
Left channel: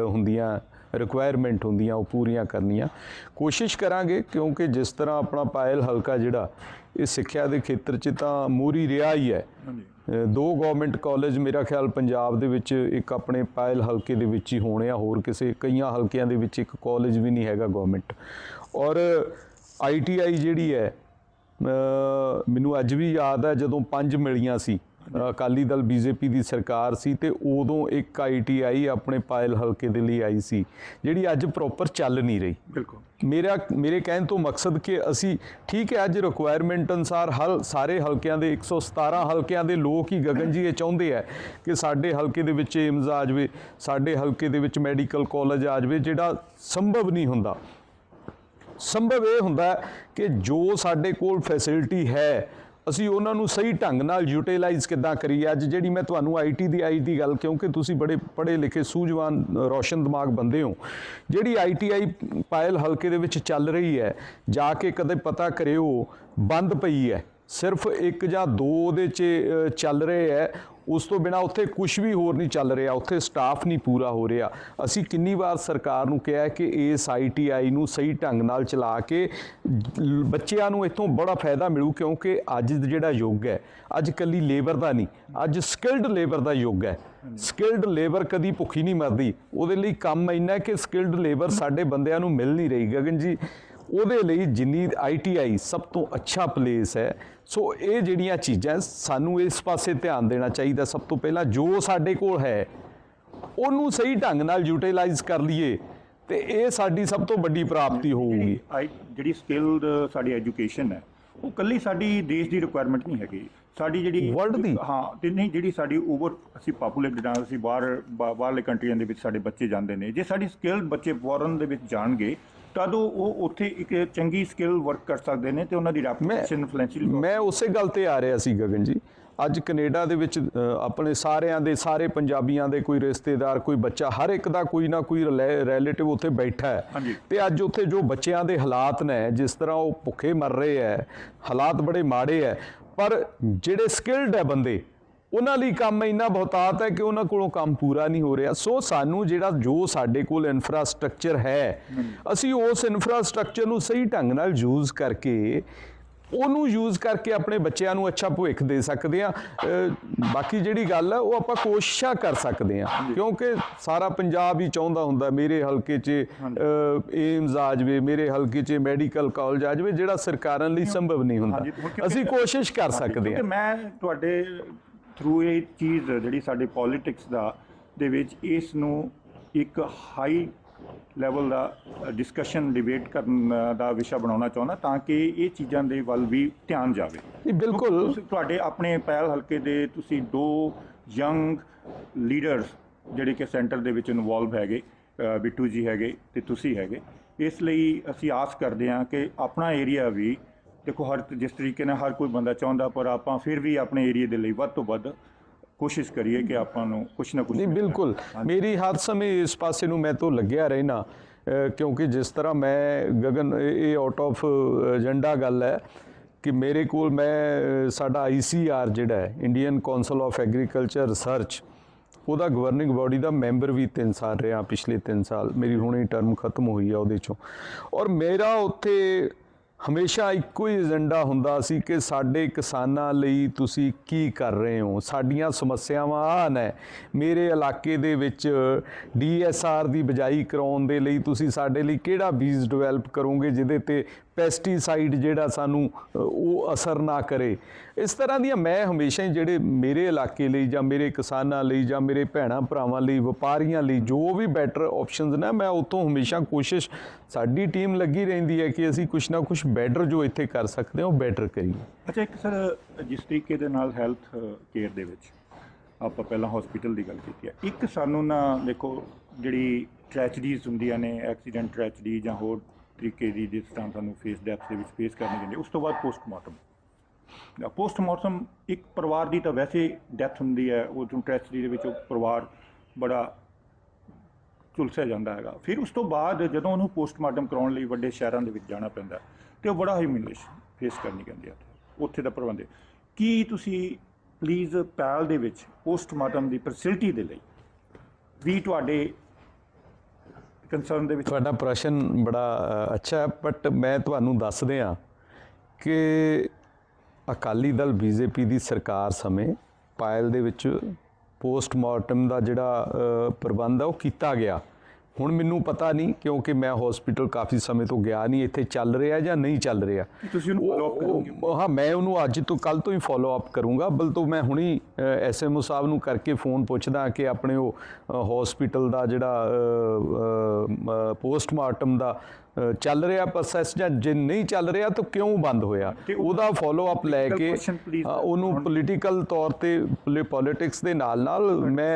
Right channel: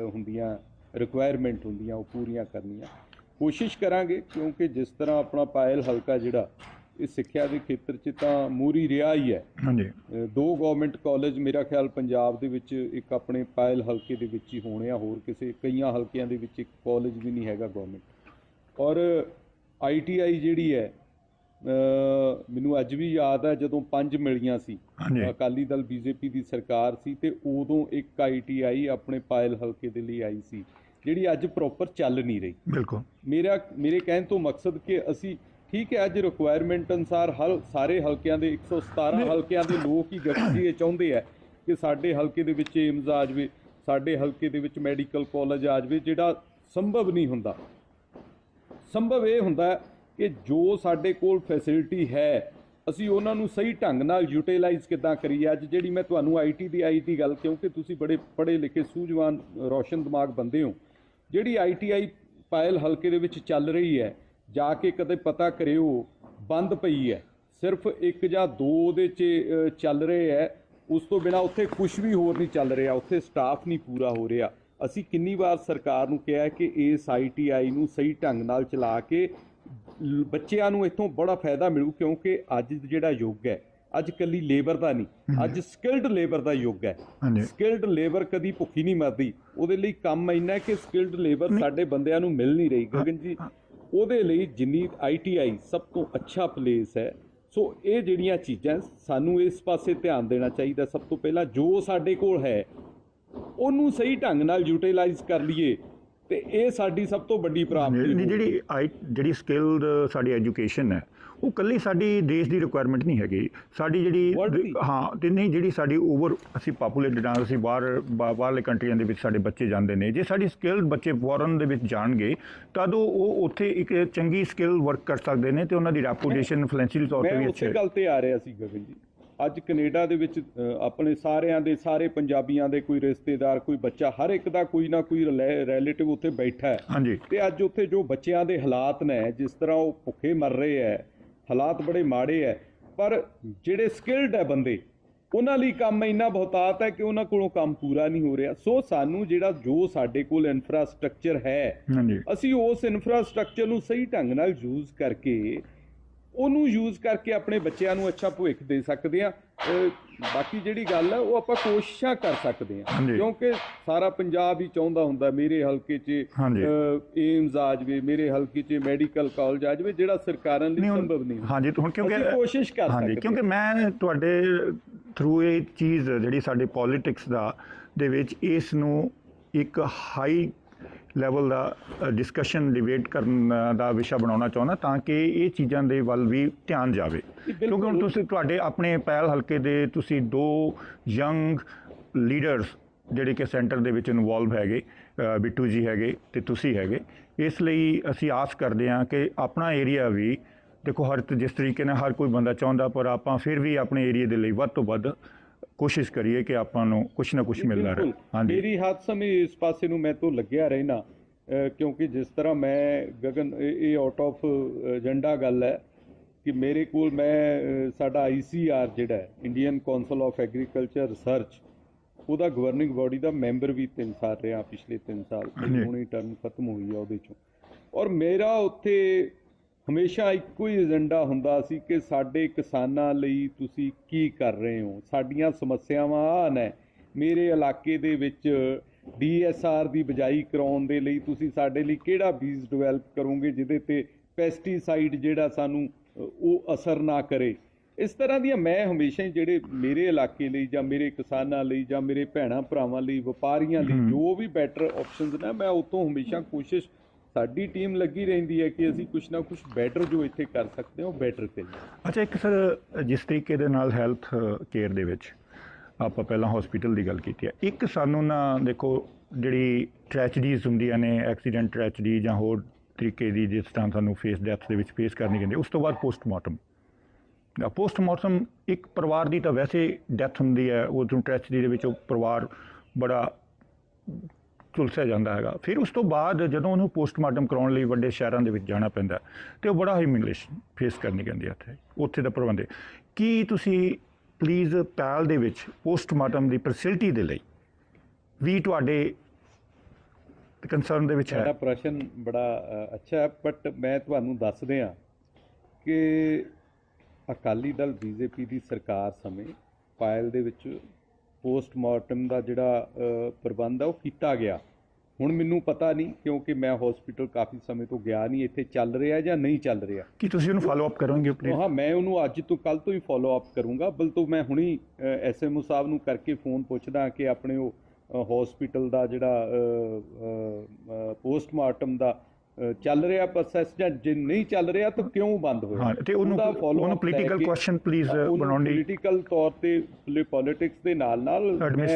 ਹੁੰਦੀਆਂ ਰਿਕੁਆਇਰਮੈਂਟ ਹੁੰਦੀਆਂ, ਉਹ ਪੂਰੀਆਂ ਕਰਨੀਆਂ। ਕੋਸ਼ਿਸ਼ ਕਰਾਂਗੇ ਕਿਉਂਕਿ ਜਿਸ ਤਰ੍ਹਾਂ ਆਪਣਾ ਪਾਇਲ ਹਲਕਾ ਜਿਹੜਾ ਇਹ ਸਿੱਖਿਆ ਦੇ ਖੇਤਰ 'ਚ ਤਾਂ ਮੂਰੀ ਰਿਹਾ ਹੀ ਹੈ। ਹਾਂਜੀ। ਦੋ ਗਵਰਨਮੈਂਟ ਕਾਲਜ ਮੇਰਾ ਖਿਆਲ ਪੰਜਾਬ ਦੇ ਵਿੱਚ ਇੱਕ ਆਪਣੇ ਪਾਇਲ ਹਲਕੇ ਦੇ ਵਿੱਚ ਹੀ ਹੋਣੇ ਆ ਹੋਰ ਕਿਸੇ ਕਈਆਂ ਹਲਕਿਆਂ ਦੇ ਵਿੱਚ ਇੱਕ ਕਾਲਜ ਵੀ ਨਹੀਂ ਹੈਗਾ ਗਵਰਨਮੈਂਟ ਔਰ ਆਈਟੀਆਈ ਜਿਹੜੀ ਹੈ ਮੈਨੂੰ ਅੱਜ ਵੀ ਯਾਦ ਹੈ ਜਦੋਂ ਪੰਜ ਮਿਲੀਆਂ ਸੀ। ਅਕਾਲੀ ਦਲ ਬੀਜੇਪੀ ਦੀ ਸਰਕਾਰ ਸੀ ਤੇ ਉਦੋਂ ਇੱਕ ਆਈਟੀਆਈ ਆਪਣੇ ਪਾਇਲ ਹਲਕੇ ਦੇ ਲਈ ਆਈ ਸੀ ਜਿਹੜੀ ਅੱਜ ਪ੍ਰੋਪਰ ਚੱਲ ਨਹੀਂ ਰਹੀ। ਬਿਲਕੁਲ। ਮੇਰਾ ਮੇਰੇ ਕਹਿਣ ਤੋਂ ਮਕਸਦ ਕਿ ਅਸੀਂ ਠੀਕ ਹੈ ਅੱਜ ਰਿਕੁਆਇਰਮੈਂਟ ਅਨਸਾਰ ਹਰ ਸਾਰੇ ਹਲਕਿਆਂ ਦੇ 117 ਹਲਕਿਆਂ ਦੇ ਲੋਕ ਹੀ ਗਗਨ ਜੀ ਇਹ ਚਾਹੁੰਦੇ ਆ ਕਿ ਸਾਡੇ ਹਲਕੇ ਦੇ ਵਿੱਚ ਏਮਜ਼ ਆ ਜਾਵੇ ਸਾਡੇ ਹਲਕੇ ਦੇ ਵਿੱਚ ਮੈਡੀਕਲ ਕਾਲਜ ਆ ਜਾਵੇ ਜਿਹੜਾ ਸੰਭਵ ਨਹੀਂ ਹੁੰਦਾ। ਸੰਭਵ ਇਹ ਹੁੰਦਾ ਕਿ ਜੋ ਸਾਡੇ ਕੋਲ ਫੈਸਿਲਿਟੀ ਹੈ ਅਸੀਂ ਉਹਨਾਂ ਨੂੰ ਸਹੀ ਢੰਗ ਨਾਲ ਯੂਟਿਲਾਈਜ਼ ਕਿੱਦਾਂ ਕਰੀਏ? ਅੱਜ ਜਿਹੜੀ ਮੈਂ ਤੁਹਾਨੂੰ ਆਈਟੀ ਦੀ ਆਈ ਦੀ ਗੱਲ ਕਿਉਂਕਿ ਤੁਸੀਂ ਬੜੇ ਪੜ੍ਹੇ ਲਿਖੇ ਸੂਝਵਾਨ ਅ, ਰੌਸ਼ਨ ਦਿਮਾਗ ਬੰਦੇ ਹੋ। ਜਿਹੜੀ ਆਈਟੀਆਈ ਪਾਇਲ ਹਲਕੇ ਦੇ ਵਿੱਚ ਚੱਲ ਰਹੀ ਹੈ ਜਾ ਕੇ ਕਦੇ ਪਤਾ ਕਰਿਓ ਬੰਦ ਪਈ ਹੈ। ਸਿਰਫ ਇੱਕ ਜਾਂ ਦੋ ਉਹਦੇ 'ਚ ਚੱਲ ਰਹੇ ਹੈ। ਉਸ ਤੋਂ ਬਿਨਾ ਉੱਥੇ ਕੁਝ ਵੀ ਹੋਰ ਨਹੀਂ ਚੱਲ ਰਿਹਾ ਉੱਥੇ ਸਟਾਫ ਨਹੀਂ ਪੂਰਾ ਹੋ ਰਿਹਾ। ਅਸੀਂ ਕਿੰਨੀ ਵਾਰ ਸਰਕਾਰ ਨੂੰ ਕਿਹਾ ਕਿ ਇਸ ਆਈਟੀਆਈ ਨੂੰ ਸਹੀ ਢੰਗ ਨਾਲ ਚਲਾ ਕੇ ਬੱਚਿਆਂ ਨੂੰ ਇਥੋਂ ਬੜਾ ਫਾਇਦਾ ਮਿਲੂ ਕਿਉਂਕਿ ਅੱਜ ਜਿਹੜਾ ਯੁੱਗ ਹੈ ਅੱਜ ਕੱਲੀ ਲੇਬਰ ਦਾ ਨਹੀਂ ਅੱਜ ਸਕਿਲਡ ਲੇਬਰ ਦਾ ਯੁੱਗ ਹੈ। ਸਕਿਲਡ ਲੇਬਰ ਕਦੀ ਭੁੱਖੀ ਨਹੀਂ ਮਰਦੀ। ਉਹਦੇ ਲਈ ਕੰਮ ਇੰਨਾ ਹੈ ਕਿ ਸਕਿਲਡ ਲੇਬਰ ਸਾਡੇ ਬੰਦਿਆਂ ਨੂੰ ਮਿਲ ਨਹੀਂ ਰਹੀ। ਗਗਨ ਜੀ ਉਹਦੇ ਲਈ ਜਿੰਨੀ ਆਈਟੀਆਈ ਸਭ ਤੋਂ ਅੱਛਾ ਪਲੇਸ ਹੈ ਸੋ ਇਹ ਜਿਹੜੀਆਂ ਚੀਜ਼ਾਂ ਸਾਨੂੰ ਇਸ ਪਾਸੇ ਧਿਆਨ ਦੇਣਾ ਚਾਹੀਦਾ ਸਭ ਤੋਂ ਪਹਿਲਾਂ ਜੋ ਸਾਡੇ ਕੋਲ ਹੈ ਉਹਨੂੰ ਸਹੀ ਢੰਗ ਨਾਲ ਯੂਟਿਲਾਈਜ਼ ਕਰ ਲਈਏ ਤੇ ਇਹ ਸਾਡੀ ਸਭ ਤੋਂ ਵੱਡੀ ਪ੍ਰਾਪਤੀ ਹੋਊਗੀ। ਜਿਹੜੀ ਜਿਹੜੀ ਸਕਿਲਡ ਸਾਡੀ ਐਜੂਕੇਸ਼ਨ ਹੈ ਉਹ ਕੱਲੀ ਸਾਡੀ ਦੇਸ਼ ਦੀ ਰਿਕੁਆਇਰਮੈਂਟ ਨਹੀਂ ਹੈਗੀ ਸਾਡੀ ਜਿਹੜੀ। ਹਾਂ ਤੇ ਨਹੀਂ ਜਿਹੜੀ ਸਾਡੀ ਓਵਰ ਅਸੀਂ ਪਪੂਲੇਟਡ ਆ ਅਸੀਂ ਬਾਹਰ ਬਾਹਰਲੇ ਕੰਟਰੀਆਂ ਦੇ ਵਿੱਚ ਸਾਡੇ ਬੱਚੇ ਜਾਂਦੇ ਨੇ ਜੇ ਸਾਡੀ ਸਕਿਲਡ ਬੱਚੇ ਫੋਰਨ ਦੇ ਵਿੱਚ ਜਾਣਗੇ ਤਦ ਉਹ ਉੱਥੇ ਇੱਕ ਚੰਗੀ ਸਕਿੱਲ ਵਰਕ ਕਰ ਸਕਦੇ ਨੇ ਤੇ ਉਹਨਾਂ ਦੀ ਰੈਪੂਟੇਸ਼ਨ ਫਾਈਨੈਂਸ਼ੀਅਲ ਤੌਰ ਤੇ ਮੈਂ ਉਸੇ। ਗੱਲ ਤੇ ਆ ਰਿਹਾ ਸੀ ਗਗਨ ਜੀ ਅੱਜ ਕੈਨੇਡਾ ਦੇ ਵਿੱਚ ਆਪਣੇ ਸਾਰਿਆਂ ਦੇ ਸਾਰੇ ਪੰਜਾਬੀਆਂ ਦੇ ਕੋਈ ਰਿਸ਼ਤੇਦਾਰ ਕੋਈ ਬੱਚਾ ਹਰ ਇੱਕ ਦਾ ਕੋਈ ਨਾ ਕੋਈ ਰਿਲੇਟਿਵ ਉੱਥੇ ਬੈਠਾ ਹੈ। ਤੇ ਅੱਜ ਉੱਥੇ ਜੋ ਬੱਚਿਆਂ ਦੇ ਹਾਲਾਤ ਨੇ ਜਿਸ ਤਰ੍ਹਾਂ ਉਹ ਭੁੱਖੇ ਮਰ ਰਹੇ ਹੈ ਹਾਲਾਤ ਬੜੇ ਮਾੜੇ ਹੈ ਪਰ ਜਿਹੜੇ ਸਕਿਲਡ ਹੈ ਬੰਦੇ ਉਹਨਾਂ ਲਈ ਕੰਮ ਇੰਨਾ ਬਹੁਤਾਤ ਹੈ ਕਿ ਉਹਨਾਂ ਕੋਲੋਂ ਕੰਮ ਪੂਰਾ ਨਹੀਂ ਹੋ ਰਿਹਾ ਸੋ ਸਾਨੂੰ ਜਿਹੜਾ ਜੋ ਸਾਡੇ ਕੋਲ ਇਨਫਰਾਸਟ੍ਰਕਚਰ ਹੈ। ਅਸੀਂ ਉਸ ਇਨਫਰਾਸਟ੍ਰਕਚਰ ਨੂੰ ਸਹੀ ਢੰਗ ਨਾਲ ਯੂਜ਼ ਕਰਕੇ ਉਹਨੂੰ ਯੂਜ਼ ਕਰਕੇ ਆਪਣੇ ਬੱਚਿਆਂ ਨੂੰ ਅੱਛਾ ਭਵਿੱਖ ਦੇ ਸਕਦੇ ਆ ਬਾਕੀ ਜਿਹੜੀ ਗੱਲ ਹੈ ਉਹ ਆਪਾਂ ਕੋਸ਼ਿਸ਼ਾਂ ਕਰ ਸਕਦੇ ਆ। ਕਿਉਂਕਿ ਸਾਰਾ ਪੰਜਾਬ ਹੀ ਚਾਹੁੰਦਾ ਹੁੰਦਾ ਮੇਰੇ ਹਲਕੇ 'ਚ। ਏਮਸ ਆ ਜਾਵੇ ਮੇਰੇ ਹਲਕੇ 'ਚ ਮੈਡੀਕਲ ਕਾਲਜ ਆ ਜਾਵੇ ਜਿਹੜਾ ਸਰਕਾਰਾਂ ਲਈ ਸੰਭਵ ਨਹੀਂ ਹੁੰਦਾ ਹਾਂਜੀ, ਅਸੀਂ ਕੋਸ਼ਿਸ਼ ਕਰ ਸਕਦੇ ਕਿਉਂਕਿ ਮੈਂ ਤੁਹਾਡੇ ਥਰੂ ਇਹ ਚੀਜ਼ ਜਿਹੜੀ ਸਾਡੇ ਪੋਲਿਟਿਕਸ ਦਾ ਦੇ ਵਿੱਚ ਇਸ ਨੂੰ ਇੱਕ ਹਾਈ ਲੈਵਲ ਦਾ ਡਿਸਕਸ਼ਨ ਡਿਬੇਟ ਕਰਨ ਦਾ ਵਿਸ਼ਾ ਬਣਾਉਣਾ ਚਾਹੁੰਦਾ ਤਾਂ ਕਿ ਇਹ ਚੀਜ਼ਾਂ ਦੇ ਵੱਲ ਵੀ ਧਿਆਨ ਜਾਵੇ ਬਿਲਕੁਲ। ਤੁਸੀਂ ਤੁਹਾਡੇ ਆਪਣੇ ਪਹਿਲ ਹਲਕੇ ਦੇ ਤੁਸੀਂ ਦੋ ਯੰਗ ਲੀਡਰਸ ਜਿਹੜੇ ਕਿ ਸੈਂਟਰ ਦੇ ਵਿੱਚ ਇਨਵੋਲਵ ਹੈਗੇ ਬਿੱਟੂ ਜੀ ਹੈਗੇ ਤੇ ਤੁਸੀਂ ਹੈਗੇ ਇਸ ਲਈ ਅਸੀਂ ਆਸ ਕਰਦੇ ਹਾਂ ਕਿ ਆਪਣਾ ਏਰੀਆ ਵੀ ਦੇਖੋ ਹਰ ਜਿਸ ਤਰੀਕੇ ਨਾਲ ਹਰ ਕੋਈ ਬੰਦਾ ਚਾਹੁੰਦਾ ਪਰ ਆਪਾਂ ਫਿਰ ਵੀ ਆਪਣੇ ਏਰੀਆ ਦੇ ਲਈ ਵੱਧ ਤੋਂ ਵੱਧ ਕੋਸ਼ਿਸ਼ ਕਰੀਏ ਕਿ ਆਪਾਂ ਨੂੰ ਕੁਝ ਨਾ ਕੁਝ ਮਿਲਦਾ ਬਿਲਕੁਲ। ਰਹੇ ਮੇਰੀ ਹਰ ਸਮੇਂ ਇਸ ਪਾਸੇ ਨੂੰ ਮੈਂ ਤੋਂ ਲੱਗਿਆ ਰਹਿਣਾ ਕਿਉਂਕਿ ਜਿਸ ਤਰ੍ਹਾਂ ਮੈਂ ਗਗਨ ਇਹ- ਆਊਟ ਆਫ ਏਜੰਡਾ ਗੱਲ ਹੈ ਕਿ ਮੇਰੇ ਕੋਲ ਮੈਂ ਸਾਡਾ ਆਈਸੀਆਰ ਜਿਹੜਾ ਹੈ Indian council of agriculture research ਉਹਦਾ ਗਵਰਨਿੰਗ ਬਾਡੀ ਦਾ ਮੈਂਬਰ ਵੀ 3 ਸਾਲ ਰਿਹਾ ਪਿਛਲੇ 3 ਸਾਲ। ਮੇਰੀ ਹੁਣੇ ਟਰਮ ਖਤਮ ਹੋਈ ਆ ਉਹਦੇ ਚੋਂ। ਔਰ ਮੇਰਾ ਉੱਥੇ ਹਮੇਸ਼ਾ ਇੱਕੋ ਹੀ ਏਜੰਡਾ ਹੁੰਦਾ ਸੀ ਕਿ ਸਾਡੇ ਕਿਸਾਨਾਂ ਲਈ ਤੁਸੀਂ ਕੀ ਕਰ ਰਹੇ ਹੋ? ਸਾਡੀਆਂ ਸਮੱਸਿਆਵਾਂ ਆਹ ਨੇ। ਮੇਰੇ ਇਲਾਕੇ ਦੇ ਵਿੱਚ ਡੀਐਸਆਰ ਦੀ ਬਜਾਈ ਕਰਾਉਣ ਦੇ ਲਈ ਤੁਸੀਂ ਸਾਡੇ ਲਈ ਕਿਹੜਾ ਬੀਜ ਡਿਵੈਲਪ ਕਰੋਗੇ, ਜਿਹਦੇ ਤੇ ਪੈਸਟੀਸਾਈਡ ਜਿਹੜਾ ਸਾਨੂੰ ਉਹ ਅਸਰ ਨਾ ਕਰੇ? ਇਸ ਤਰ੍ਹਾਂ ਦੀਆਂ ਮੈਂ ਹਮੇਸ਼ਾ ਹੀ ਜਿਹੜੇ ਮੇਰੇ ਇਲਾਕੇ ਲਈ ਜਾਂ ਮੇਰੇ ਕਿਸਾਨਾਂ ਲਈ ਜਾਂ ਮੇਰੇ ਭੈਣਾਂ ਭਰਾਵਾਂ ਲਈ ਵਪਾਰੀਆਂ ਲਈ ਜੋ ਵੀ ਬੈਟਰ ਆਪਸ਼ਨਸ ਨੇ ਮੈਂ ਉਤੋਂ ਹਮੇਸ਼ਾ ਕੋਸ਼ਿਸ਼ ਸਾਡੀ ਟੀਮ ਲੱਗੀ ਰਹਿੰਦੀ ਹੈ ਕਿ ਅਸੀਂ ਕੁਝ ਨਾ ਕੁਝ ਬੈਟਰ ਜੋ ਇੱਥੇ ਕਰ ਸਕਦੇ ਹਾਂ ਉਹ ਬੈਟਰ ਕਰੀਏ। ਅੱਛਾ ਇੱਕ ਸਰ ਜਿਸ ਤਰੀਕੇ ਦੇ ਨਾਲ ਹੈਲਥ ਕੇਅਰ ਦੇ ਵਿੱਚ ਆਪਾਂ ਪਹਿਲਾਂ ਹਸਪੀਟਲ ਦੀ ਗੱਲ ਕੀਤੀ ਹੈ ਇੱਕ ਸਾਨੂੰ ਨਾ ਦੇਖੋ ਜਿਹੜੀ ਟ੍ਰੈਜਡੀਜ਼ ਹੁੰਦੀਆਂ ਨੇ ਐਕਸੀਡੈਂਟ ਟ੍ਰੈਜਡੀ ਜਾਂ ਹੋਰ ਤਰੀਕੇ ਦੀ ਜਿਸ ਤਰ੍ਹਾਂ ਸਾਨੂੰ ਫੇਸ ਡੈਥ ਦੇ ਵਿੱਚ ਫੇਸ ਕਰਨੀ ਪੈਂਦੀ ਉਸ ਤੋਂ ਬਾਅਦ ਪੋਸਟਮਾਰਟਮ ਪੋਸਟਮਾਰਟਮ ਇੱਕ ਪਰਿਵਾਰ ਦੀ ਤਾਂ ਵੈਸੇ ਡੈਥ ਹੁੰਦੀ ਹੈ ਉਹ ਤੋਂ ਟ੍ਰੈਜਡੀ ਦੇ ਵਿੱਚ ਉਹ ਪਰਿਵਾਰ ਬੜਾ ਝੁਲਸਿਆ ਜਾਂਦਾ ਹੈਗਾ ਫਿਰ ਉਸ ਤੋਂ ਬਾਅਦ ਜਦੋਂ ਉਹਨੂੰ ਪੋਸਟਮਾਰਟਮ ਕਰਾਉਣ ਲਈ ਵੱਡੇ ਸ਼ਹਿਰਾਂ ਦੇ ਵਿੱਚ ਜਾਣਾ ਪੈਂਦਾ ਹੈ, ਤੇ ਉਹ ਬੜਾ ਹਿਊਮਿਲੇਸ਼ਨ ਫੇਸ ਕਰਨੀ ਪੈਂਦੀ ਹੈ ਉੱਥੇ ਉੱਥੇ ਦਾ ਪ੍ਰਬੰਧ ਕੀ ਤੁਸੀਂ ਪਲੀਜ਼ ਪੈਲ ਦੇ ਵਿੱਚ ਪੋਸਟਮਾਰਟਮ ਦੀ ਫੈਸਿਲਿਟੀ ਦੇ ਲਈ ਵੀ ਤੁਹਾਡੇ ਕੰਸਰਨ ਦੇ ਵਿੱਚ ਹੈ? ਤੁਹਾਡਾ ਪ੍ਰਸ਼ਨ ਬੜਾ ਅੱਛਾ ਹੈ ਬਟ ਮੈਂ ਤੁਹਾਨੂੰ ਦੱਸ ਦਿਆਂ ਕਿ ਅਕਾਲੀ ਦਲ ਬੀਜੇਪੀ ਦੀ ਸਰਕਾਰ ਸਮੇਂ ਪਾਇਲ ਦੇ ਵਿੱਚ ਪੋਸਟਮਾਰਟਮ ਦਾ ਜਿਹੜਾ ਪ੍ਰਬੰਧ ਆ ਉਹ ਕੀਤਾ ਗਿਆ। ਹੁਣ ਮੈਨੂੰ ਪਤਾ ਨਹੀਂ ਕਿਉਂਕਿ ਮੈਂ ਹਸਪੀਟਲ ਕਾਫੀ ਸਮੇਂ ਤੋਂ ਗਿਆ ਨਹੀਂ ਇੱਥੇ ਚੱਲ ਰਿਹਾ ਜਾਂ ਨਹੀਂ ਚੱਲ ਰਿਹਾ। ਕੀ ਤੁਸੀਂ ਉਹਨੂੰ ਫਾਲੋ ਅਪ ਕਰੋਗੇ ਹਾਂ ਮੈਂ ਉਹਨੂੰ ਅੱਜ ਤੋਂ ਕੱਲ ਤੋਂ ਹੀ ਫਾਲੋ ਅਪ ਕਰੂੰਗਾ। ਬਲ ਤੋਂ ਮੈਂ ਹੁਣੀ ਐਸਐਮਓ ਸਾਹਿਬ ਨੂੰ ਕਰਕੇ ਫੋਨ ਪੁੱਛਦਾ ਕਿ ਆਪਣੇ ਉਹ ਹਸਪੀਟਲ ਦਾ ਜਿਹੜਾ ਪੋਸਟਮਾਰਟਮ ਦਾ ਚੱਲ ਰਿਹਾ ਪ੍ਰੋਸੈਸ ਜਾਂ ਜੇ ਨਹੀਂ ਚੱਲ ਰਿਹਾ ਤਾਂ ਕਿਉਂ ਬੰਦ ਹੋਇਆ? ਉਹਦਾ ਫਾਲੋ ਅਪ ਲੈ ਕੇ ਉਹਨੂੰ ਪੋਲੀਟੀਕਲ ਤੌਰ ਤੇ ਪੋਲਿਟਿਕਸ ਦੇ ਨਾਲ ਨਾਲ ਮੈਂ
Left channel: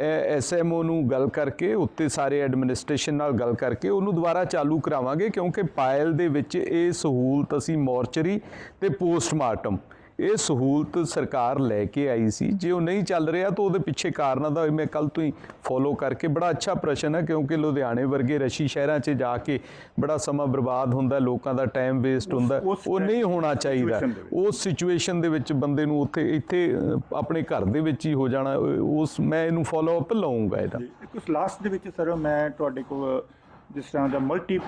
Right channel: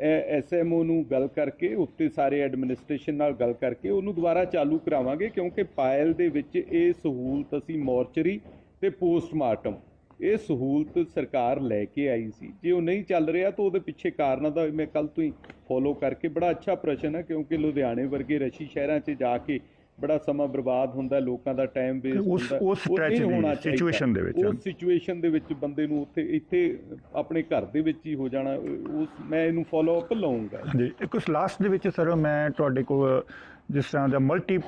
ਐਸਐਮਓ ਨੂੰ ਗੱਲ ਕਰਕੇ ਉੱਤੇ ਸਾਰੇ ਐਡਮਿਨਿਸਟ੍ਰੇਸ਼ਨ ਨਾਲ ਗੱਲ ਕਰਕੇ ਉਹਨੂੰ ਦੁਬਾਰਾ ਚਾਲੂ ਕਰਾਵਾਂਗੇ ਕਿਉਂਕਿ ਪਾਇਲ ਦੇ ਵਿੱਚ ਇਹ ਸਹੂਲਤ ਅਸੀਂ ਮੋਰਚਰੀ ਤੇ ਪੋਸਟਮਾਰਟਮ ਇਹ ਸਹੂਲਤ ਸਰਕਾਰ ਲੈ ਕੇ ਆਈ ਸੀ। ਜੇ ਉਹ ਨਹੀਂ ਚੱਲ ਰਿਹਾ ਤਾਂ ਉਹਦੇ ਪਿੱਛੇ ਕਾਰਨਾਂ ਦਾ ਮੈਂ ਕੱਲ ਤੋਂ ਹੀ ਫੋਲੋ ਕਰਕੇ ਬੜਾ ਅੱਛਾ ਪ੍ਰਸ਼ਨ ਹੈ ਕਿਉਂਕਿ ਲੁਧਿਆਣੇ ਵਰਗੇ ਰਸ਼ੀ ਸ਼ਹਿਰਾਂ 'ਚ ਜਾ ਕੇ ਬੜਾ ਸਮਾਂ ਬਰਬਾਦ ਹੁੰਦਾ ਲੋਕਾਂ ਦਾ ਟਾਈਮ ਵੇਸਟ ਹੁੰਦਾ ਉਹ ਨਹੀਂ ਹੋਣਾ ਚਾਹੀਦਾ। ਉਸ ਸਿਚੁਏਸ਼ਨ ਦੇ ਵਿੱਚ ਬੰਦੇ ਨੂੰ ਉੱਥੇ ਇੱਥੇ ਆਪਣੇ ਘਰ ਦੇ ਵਿੱਚ ਹੀ ਹੋ ਜਾਣਾ ਉਸ ਮੈਂ ਇਹਨੂੰ ਫੋਲੋ ਅਪ ਲਵਾਂਗਾ ਇਹਦਾ। ਉਸ ਲਾਸਟ ਦੇ ਵਿੱਚ ਸਰ ਮੈਂ ਤੁਹਾਡੇ ਕੋਲ ਜਿਸ ਤਰ੍ਹਾਂ ਦਾ ਮਲਟੀ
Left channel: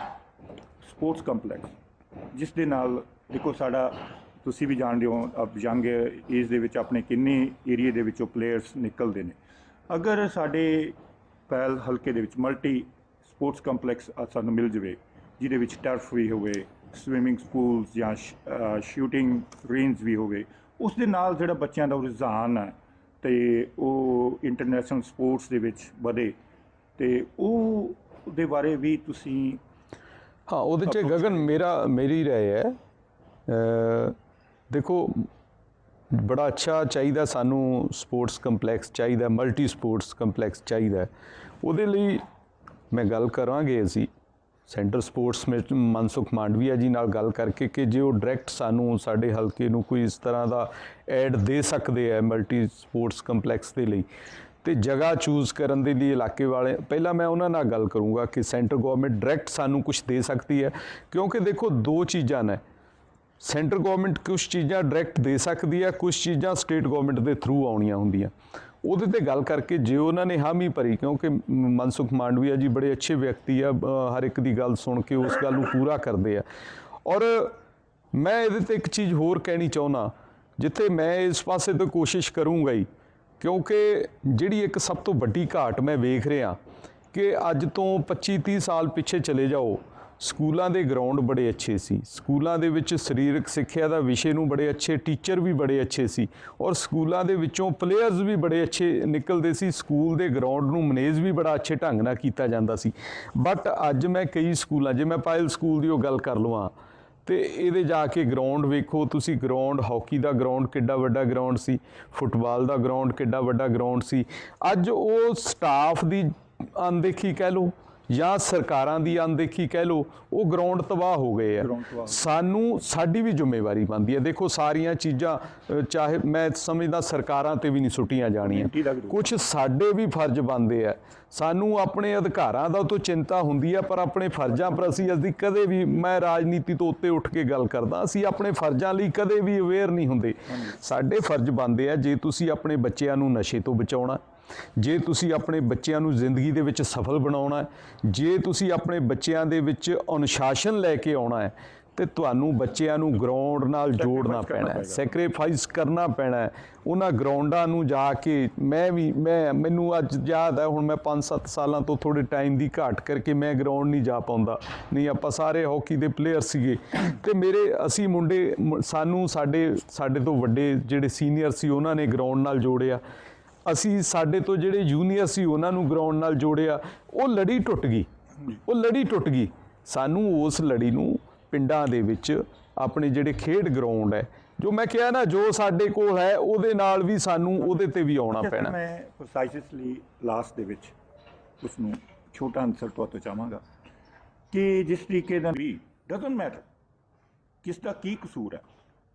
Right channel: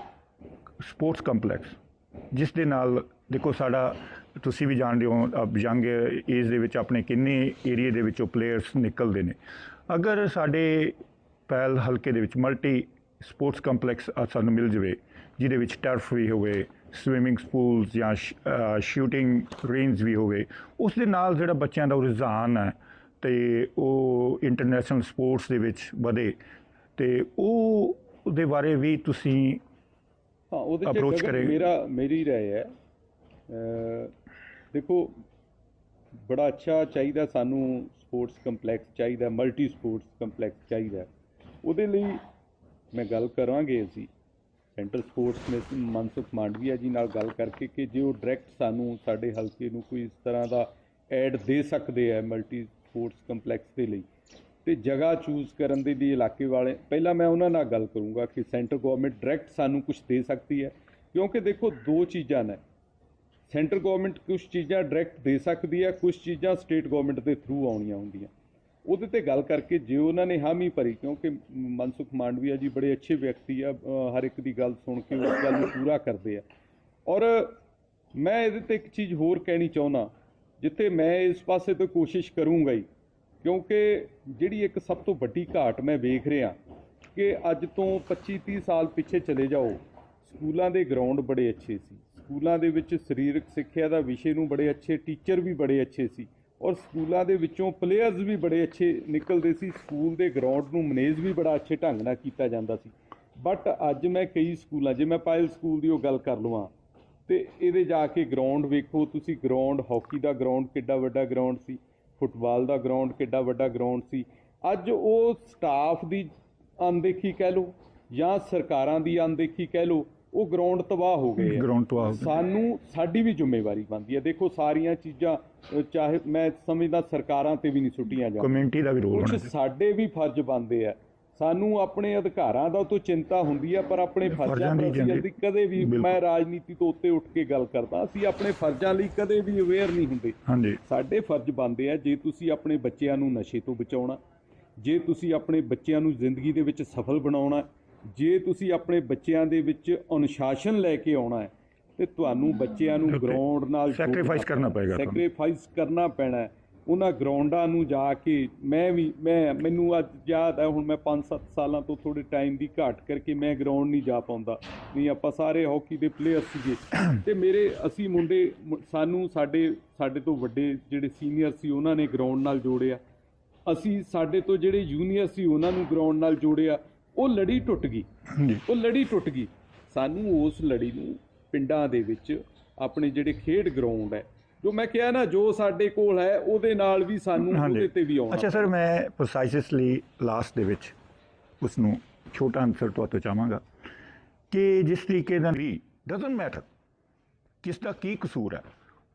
ਸਪੋਰਟਸ ਕੰਪਲੈਕਸ ਜਿਸ ਦੇ ਨਾਲ ਦੇਖੋ ਸਾਡਾ ਤੁਸੀਂ ਵੀ ਜਾਣਦੇ ਹੋ ਯੰਗ ਏਜ ਦੇ ਵਿੱਚ ਆਪਣੇ ਕਿੰਨੇ ਏਰੀਆ ਦੇ ਵਿੱਚੋਂ ਪਲੇਅਰਸ ਨਿਕਲਦੇ ਨੇ ਅਗਰ ਸਾਡੇ ਪਹਿਲ ਹਲਕੇ ਦੇ ਵਿੱਚ ਮਲਟੀ ਸਪੋਰਟਸ ਕੰਪਲੈਕਸ ਸਾਨੂੰ ਮਿਲ ਜਵੇ ਜਿਹਦੇ ਵਿੱਚ ਟਰਫ ਵੀ ਹੋਵੇ ਸਵਿਮਿੰਗ ਪੂਲਸ ਜਾਂ ਸ਼ੂਟਿੰਗ ਰੇਂਜ ਵੀ ਹੋਵੇ ਉਸ ਦੇ ਨਾਲ ਜਿਹੜਾ ਬੱਚਿਆਂ ਦਾ ਰੁਝਾਨ ਹੈ ਤੇ ਉਹ ਇੰਟਰਨੈਸ਼ਨਲ ਸਪੋਰਟਸ ਦੇ ਵਿੱਚ ਵਧੇ ਤੇ ਉਹ ਉਹਦੇ ਬਾਰੇ ਵੀ ਤੁਸੀਂ ਹਾਂ ਉਹਦੇ ਚ ਗਗਨ। ਮੇਰਾ ਮੇਰੀ ਰਾਏ ਹੈ ਦੇਖੋ, ਬੜਾ ਅੱਛਾ ਚਾਹੀਦਾ ਸਾਨੂੰ ਸਪੋਰਟਸ ਕੰਪਲੈਕਸ ਚਾਹੀਦਾ, ਮਲਟੀ ਸਪੋਰਟਸ ਕੰਪਲੈਕਸ ਚਾਹੀਦਾ। ਉਹਦੇ ਲਈ ਮੈਂ ਗੱਲ ਕਰਾਂਗੇ ਅਸੀਂ, ਸੈਂਟਰ ਸਪੋਰਟਸ ਵਿੱਚ ਮਨਸੁਖ ਮਾਂਡਵੀਆ ਜੀ ਨਾਲ ਗੱਲ ਕਰਕੇ ਕਿ ਜੇ ਉਹ ਡਾਇਰੈਕਟ ਸਾਨੂੰ ਸਾਡੇ ਹਲਕੇ ਨੂੰ ਕੋਈ ਇਸ ਤਰ੍ਹਾਂ ਦਾ ਐਡ ਦੇ ਸਕਦੇ ਆ ਮਲਟੀ ਸਪੋਰਟਸ ਕੰਪਲੈਕਸ ਦੇ ਲਈ, ਤੇ ਜਗ੍ਹਾ ਚੂਜ਼ ਕਰਨ ਦੇ ਲਈ ਇਲਾਕੇ ਵਾਲੇ, ਪਹਿਲਾਂ ਮੈਂ ਉਹਨਾਂ ਨਾਲ ਗੱਲ ਕਰੂੰਗਾ ਕਿ ਸੈਂਟਰ ਗਵਰਨਮੈਂਟ ਡਾਇਰੈਕਟ ਸਾਨੂੰ ਕੁਝ ਦੇ ਸਕਦੀ ਹੈ, ਕਿਉਂਕਿ ਦੇਖੋ ਦੋ ਚੀਜ਼ਾਂ ਨੇ। ਸੈਂਟਰ ਗਵਰਨਮੈਂਟ ਕੁਝ ਚੀਜ਼ਾਂ ਡਾਇਰੈਕਟ ਦੇ ਸਕਦੀ ਹੈ ਕੁਝ ਚੀਜ਼ਾਂ ਸਟੇਟ ਗਵਰਨਮੈਂਟ ਦੇ ਥਰੂ ਆਉਣੀਆਂ ਹੁੰਦੀਆਂ। ਉਹਦੇ ਤੇ ਗੱਲ ਕਰਕੇ ਜੇ ਉਹਨਾਂ ਨੇ ਹਾਮੀ ਭਰੀ, ਕਿਉਂਕਿ ਮਨਸੁਖ ਮਾਂਡਵੀਆ ਜੀ ਬੜੇ ਅੱਛੇ ਵਿਅਕਤੀ ਆ ਹਰ ਇੱਕ ਦੀ ਗੱਲ ਸੁਣ ਕੇ ਉਸ ਗੱਲ ਨੂੰ ਪੂਰਾ ਕਰਦੇ ਆ। ਔਰ ਮੈਂ ਇਹਦੇ ਤੇ ਇੱਕ ਚੀਜ਼ ਹੋਰ ਕਹਿਣੀ ਚਾਹੁੰਦਾ, ਜਿੱਥੇ ਮੈਂ ਇਸ ਪਾਸੇ ਤੋਂ ਕੋਸ਼ਿਸ਼ ਕਰੂੰਗਾ ਹੀ, ਕਿਉਂਕਿ ਜਿਹੜੀ ਇੱਕ ਸਭ ਤੋਂ ਵੱਡੀ ਘਾਟ ਮੈਂ ਵੇਖ ਰਿਹਾ, ਕਿ ਅੱਜ ਤੋਂ 25 30 ਸਾਲ ਪਿੱਛੇ ਚਲੇ ਜਾਓ ਸਕੂਲਾਂ ਦੇ ਗਰਾਊਂਡ ਬੜੇ ਅੱਛੇ ਸੀ। ਸਕੂਲਾਂ ਦੇ ਵਿੱਚ ਸਰੀਰਕ ਸਿੱਖਿਆ ਦਾ ਵਿਸ਼ੇ ਨੂੰ ਬੜੇ ਅੱਛੇ ਟੀਚਰ ਵੀ ਬੜੇ ਅੱਛੇ ਸੀ ਔਰ ਸਕੂਲਾਂ ਦੇ ਵਿੱਚੋਂ ਪਲੇਅਰਸ ਵੀ ਬੜੇ ਅੱਛੇ ਨਿਕਲਦੇ ਸੀ। ਸਕੂਲ ਦੇ ਗਰਾਊਂਡ ਨੂੰ ਮੈਨੇਜ ਵੀ ਬੜਾ ਅੱਛੇ ਢੰਗ ਨਾਲ ਕੀਤਾ ਜਾਂਦਾ ਸੀ। ਬਟ ਅੱਜ ਮੈਂ ਕਈ ਸਕੂਲਾਂ, ਜੇ ਮੈਂ ਪਾਇਲ ਸਕੂਲ ਦੀ ਉਹ ਗੱਲ ਕਰ ਲਵਾਂ, ਤੇ ਇਹਦੇ ਜਾ ਕੇ ਗਰਾਊਂਡ ਵੇਖੋ, ਤੁਸੀਂ ਗਰਾਊਂਡ ਹਾਕੀ ਦਾ ਗਰਾਊਂਡ ਕਿੱਡਾ ਵੱਡਾ ਗਰਾਊਂਡ ਸੀ ਫੁੱਟਬਾਲ ਦਾ ਗਰਾਊਂਡ ਕਿੱਡਾ ਵੱਡਾ ਗਰਾਊਂਡ ਸੀ। ਅੱਜ ਉਹ ਸਟਾਫ ਦੀ ਅਣਦੇਖੀ ਕਹਿ ਲਓ ਜਾਂ ਸਰਕਾਰਾਂ ਦੀ ਅਣਦੇਖੀ ਕਹਿ ਲਓ ਉਹ ਗਰਾਊਂਡ ਤਬਾਹ ਹੋ ਗਏ ਆ। ਸਾਨੂੰ ਸਾਡੀ ਵੀ ਜ਼ਿੰਮੇਵਾਰੀ ਬਣਦੀ ਹੈ। ਦੇਖੋ ਸਾਰੀਆਂ ਚੀਜ਼ਾਂ ਚਾਹੇ ਮੈਂ ਸਮਝਦਾ ਸਰਕਾਰਾਂ ਤੇ ਵੀ ਨਹੀਂ ਸੁੱਟੀਆਂ ਜਾਣੀਆਂ। ਕੁਝ। ਸਾਡੇ ਵੀ ਫਰਜ਼ ਬਣਦੇ ਆ। ਸਾਨੂੰ ਆਪਣੇ ਅਧਿਕਾਰਾਂ ਦਾ ਤਾਂ ਚਿੰਤਾ ਹੁੰਦੀ ਹੈ ਪਰ ਆਪਣੇ ਫਰਜ਼ਾਂ ਪਰ ਅਸੀਂ ਅਸੀਂ ਕਦੇ ਵੀ ਮੈਂ ਰਾਜਨੀਤੀ ਤੋਂ ਉੱਤੇ ਉੱਠ ਕੇ ਗੱਲ ਕਰਦਾ ਅਸੀਂ ਆਪਣੇ ਫਰਜ਼ਾਂ ਲਈ ਕਦੇ ਵੀ ਅਵੇਅਰ ਨਹੀਂ ਹੁੰਦੇ। ਸਾਡੇ ਫਰਜ਼ ਬਣਦੇ ਆ ਜੇ ਤੁਸੀਂ ਆਪਣੇ ਬੱਚਿਆਂ ਨੂੰ ਨਸ਼ੇ ਤੋਂ ਬਚਾਉਣਾ ਜੇ ਤੁਸੀਂ ਆਪਣੇ ਬੱਚਿਆਂ ਨੂੰ ਜ਼ਿੰਦਗੀ ਦੇ ਵਿੱਚ ਸਫਲ ਬਣਾਉਣਾ ਜੇ ਤੁਸੀਂ ਆਪਣੇ ਬੱਚਿਆਂ ਦੇ ਵਿੱਚ ਅਨੁਸ਼ਾਸਨ ਲੈ ਕੇ ਆਉਣਾ ਹੈ ਤੇ ਤੁਹਾਨੂੰ ਬੱਚਿਆਂ ਨੂੰ ਗਰਾਊਂਡ ਨਾਲ ਜੋੜਨਾ ਪੈਣਾ ਹੈ। ਸੈਕਰੀਫਾਈਸ ਕਰਨਾ ਪੈਣਾ ਹੈ। ਉਹਨਾਂ ਗਰਾਊਂਡਾਂ ਨੂੰ ਜਾ ਕੇ ਮੈਂ ਵੀ ਮੈਂ ਮੈਨੂੰ ਅੱਜ ਯਾਦ ਹੈ ਹੁਣ ਮੈਂ 5-7 ਸਾਲਾਂ ਤੋਂ ਥੋੜੇ ਟਾਈਮ ਦੀ ਘਾਟ ਕਰਕੇ ਮੈਂ ਗਰਾਊਂਡ ਨਹੀਂ ਜਾ ਪਾਉਂਦਾ। ਨਹੀਂ ਆਪਾਂ ਸਾਰੇ ਹਾਕੀ ਦੇ ਪਲੇਅਰ ਸੀਗੇ। ਤੇ ਮੇਰੇ ਅਸੀਂ ਮੁੰਡੇ ਸਾਨੂੰ ਸਾਡੇ ਸਾਡੇ ਤੋਂ ਵੱਡੇ ਜਿਹੜੇ ਸੀਨੀਅਰ ਸੀ ਉਹਨਾਂ ਨੇ ਗਰਾਊਂਡ ਨਾਲ ਜੋੜਿਆ। ਅਸੀਂ ਸਾਡੇ ਤੋਂ ਜਿਹੜੇ ਜੂਨੀਅਰ ਸੀ ਉਹਨਾਂ ਨੂੰ ਗਰਾਊਂਡ ਨਾਲ ਜੋੜਿਆ। ਉਹ ਲੜੀ ਟੁੱਟ ਗਈ। ਉਹ ਲੜੀ ਟੁੱਟ ਗਈ। ਸਾਨੂੰ ਉਸ ਲੜੀ ਨੂੰ ਪਿੰਡਾਂ ਦੇ ਵਿੱਚ ਆਪਣੇ ਜਿਹੜੇ ਖੇਡ ਗਰਾਊਂਡ ਹੈ ਜੋ ਮੈਂ ਕਿਹਾ ਨਾ ਜੋ ਸਾਡੇ ਕੋਲ ਹੈ ਉਹਦੇ ਨਾਲ ਵੀ ਸਾਨੂੰ ਉਹਦੇ ਤੇ ਵੀ ਆਉਣਾ ਅੱਛਾ ਸਰ ਮੈਂ ਪ੍ਰਸਾਈਸਲੀ ਲਾਸਟ ਦੇ ਵਿੱਚ ਉਸ ਨੂੰ ਛੋਟਾ ਆਨਸਰ ਤੁਹਾਤੋਂ ਚਾਹਾਂਗਾ ਕਿ ਜਿਸ ਤਰੀਕੇ ਨਾਲ ਵੀ ਡਸਨਟ ਮੈਟਰ ਕਿਸ ਦਾ ਕੀ ਕਸੂਰ ਹੈ